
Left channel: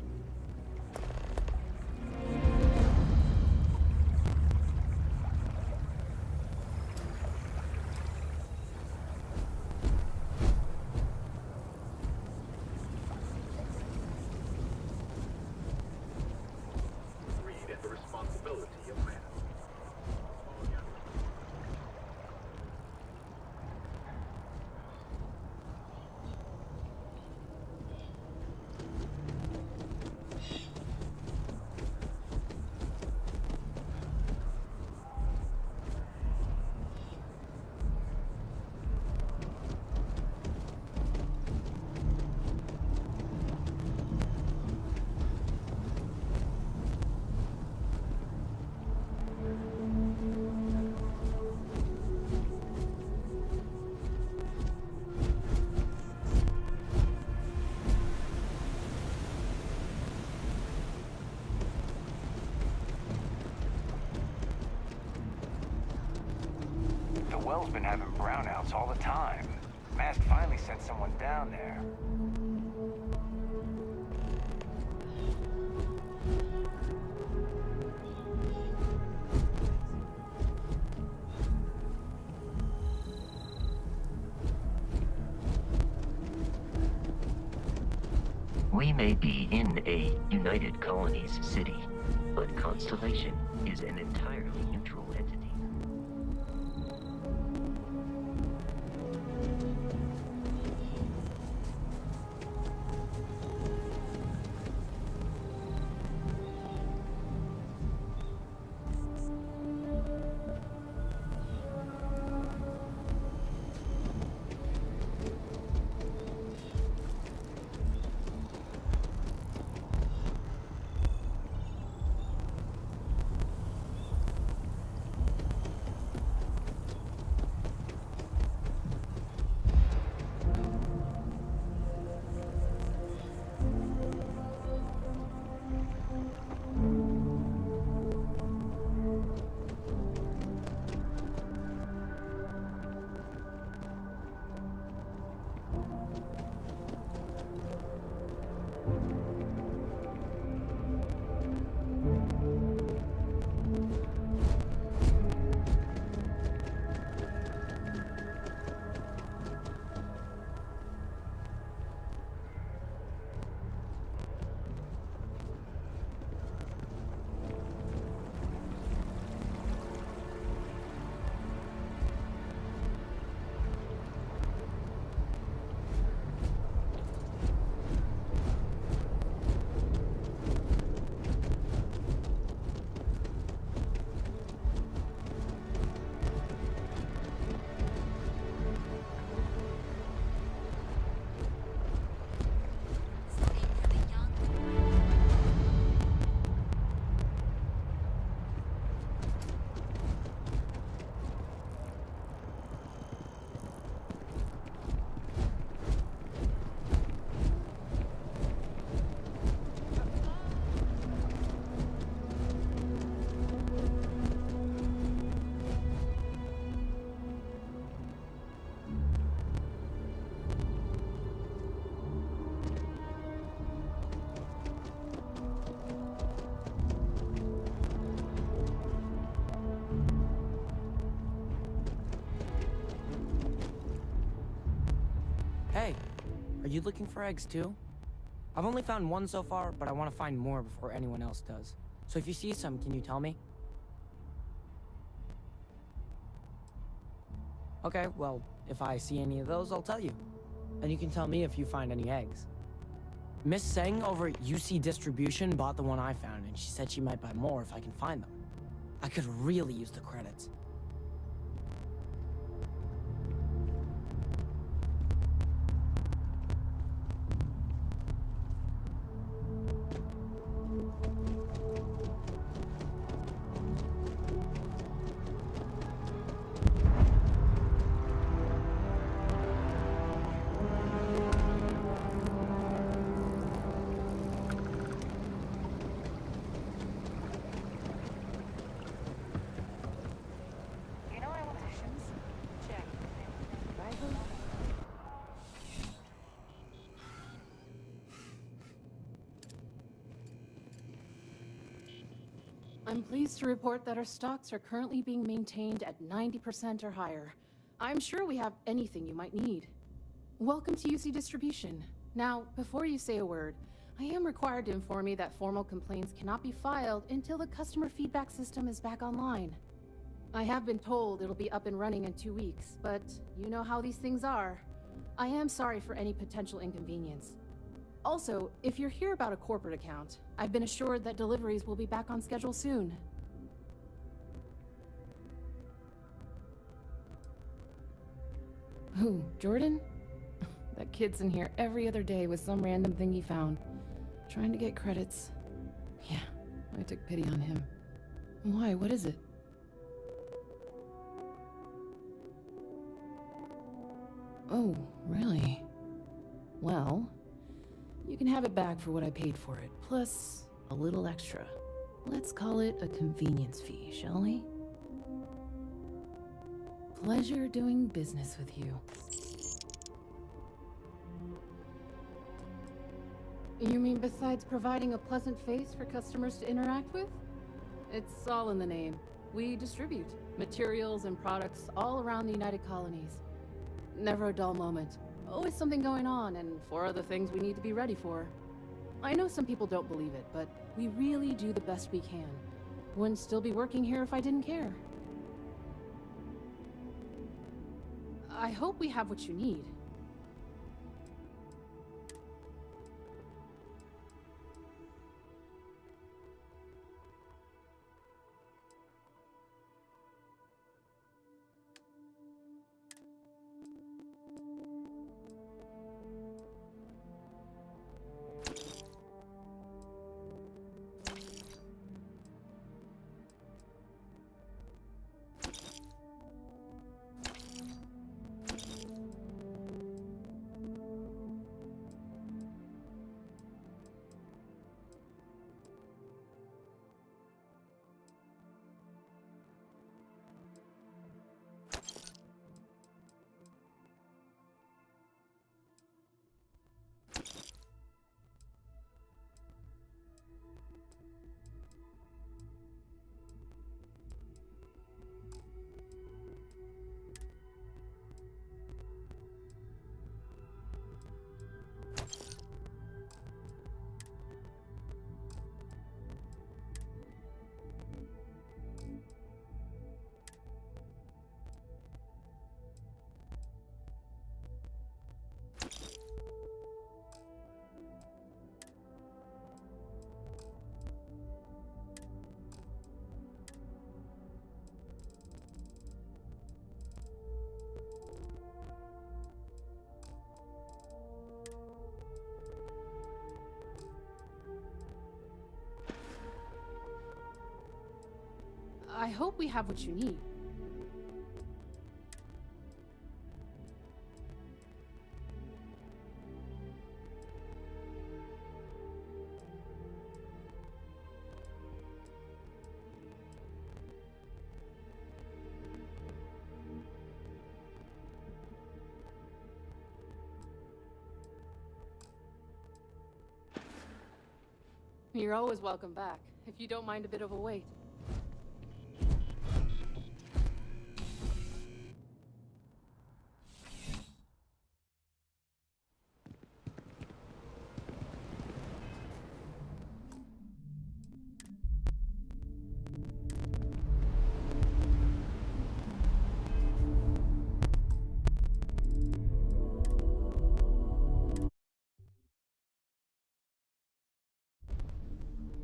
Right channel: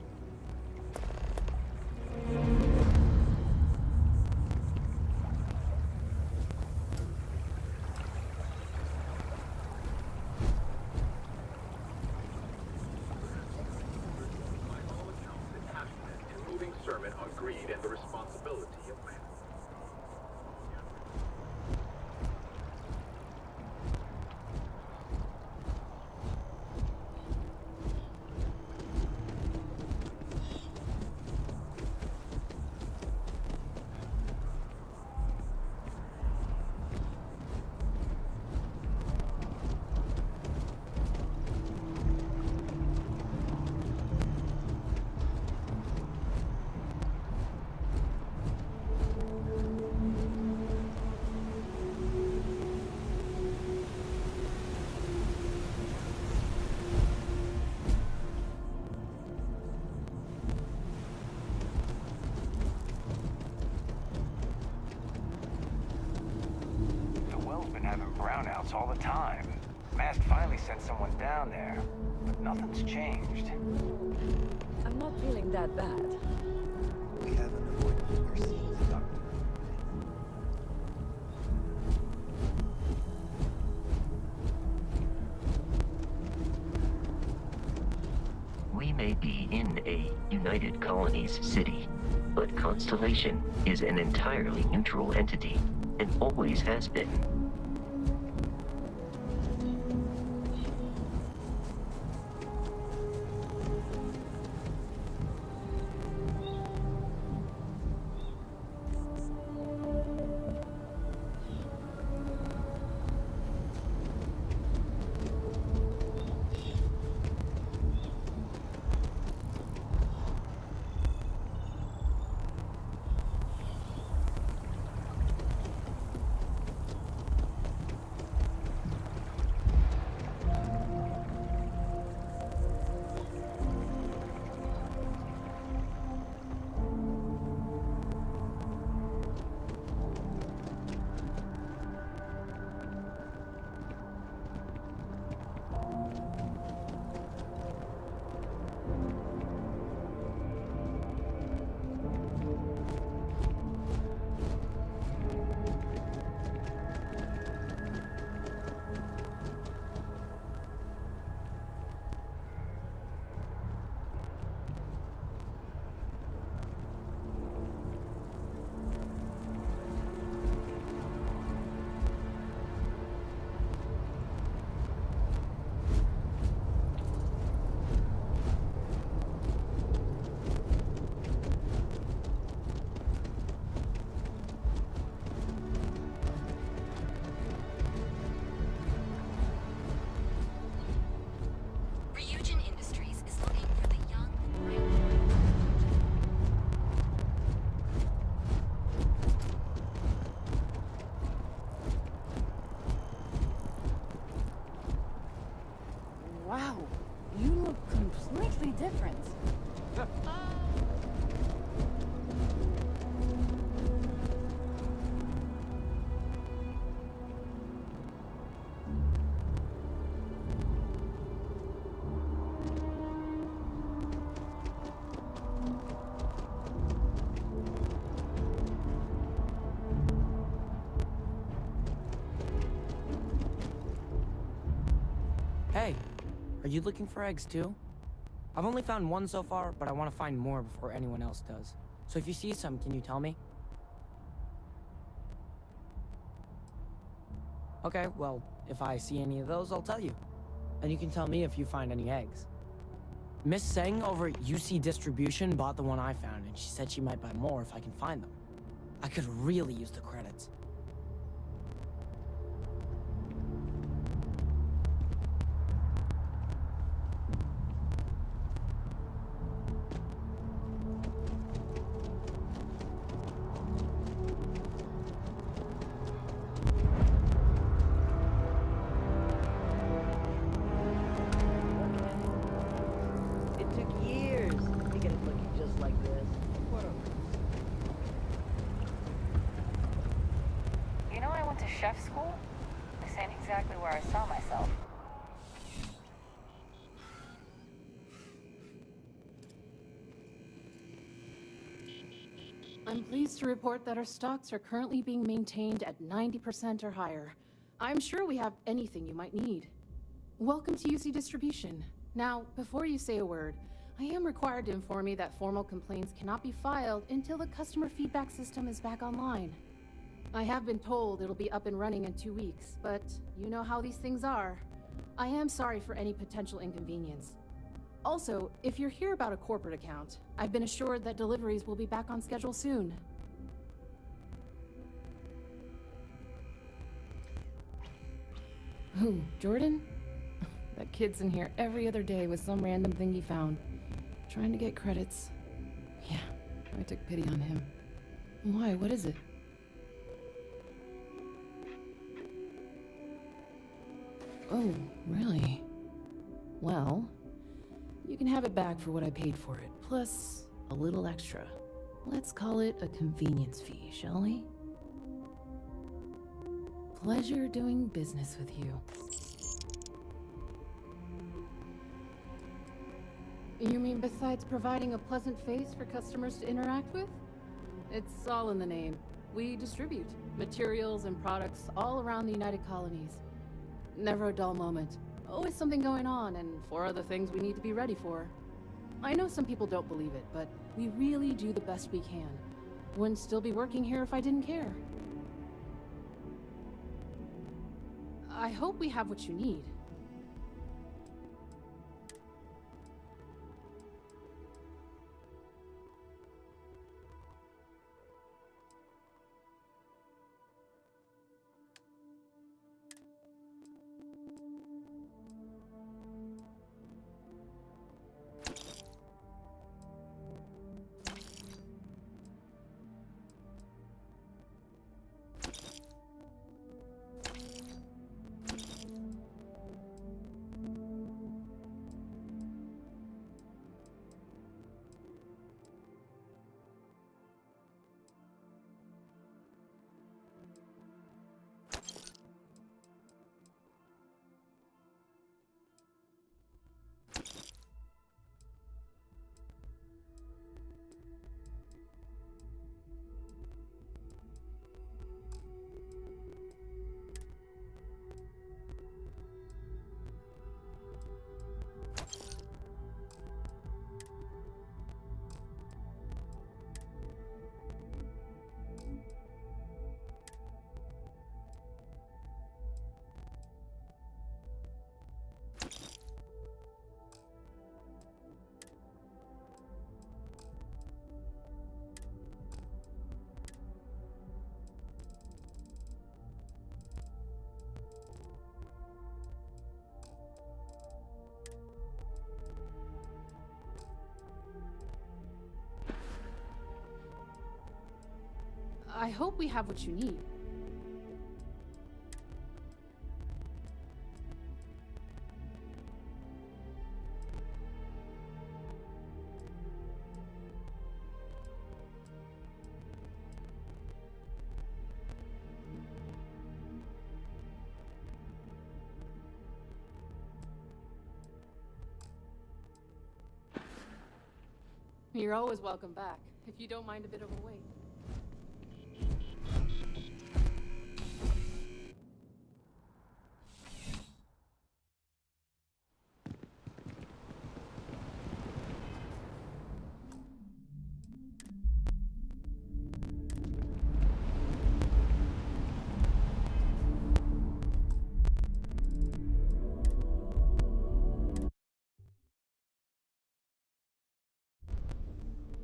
Well's been having brownouts all the time. Mast finally sent someone down there, but nothing's changed. I'm not feeling that bad. We may be in a United Colonies city, but Constellation is an entirely neutral entity, and always has been. Hey, are you looking for eggs too? I've only found one so far, but I want to find more before anyone else does. So if you see some, can you tell me? Okay, well, if I see any of those, I'll tell you. And you can tell me if you find any eggs. Miss Seng over at UC Distribution bought the one I found, and she said she might buy more if I can find them. I could really use the credits. You know I went to chef school? This ain't exactly where I saw myself. I'm pleased to report that our stocks are currently being maintained at 90% or higher. I'm sure we have anything you might need. Welcome to UC Distribution. Now, before you say a word, I am required to inform you that formal complaints cannot be filed until the customer feedback system is back online. I have been told it'll be up and running in 2 weeks, but you know how these things are. I am sorry for any potential inconvenience. Also, if you're here about a corporate account, I've been assured that deliveries will be back on schedule soon. Who, Jordan? That kid's in here every other day with some random thing he found. Trying to get credits. Yeah, I took pity on him. Why, what is it? Oh, really? Well, you can have it back for what I paid for it, plus a little extra. Let's call it a convenience fee, shall we? Pleasure doing business with you. You mean besides providing a pleasant face for customers to interact with? It's all in the name. We distribute materials and products all around the United Colonies. Never a dull moment. Always something going on, and 4 other things we need to be ready for. I know some people don't believe it, but we really do the best we can. Wouldn't still be working here if I didn't care. I hope we have what you need. I hope we have what you need. You're always welcome back, if you don't mind a bit of a wait.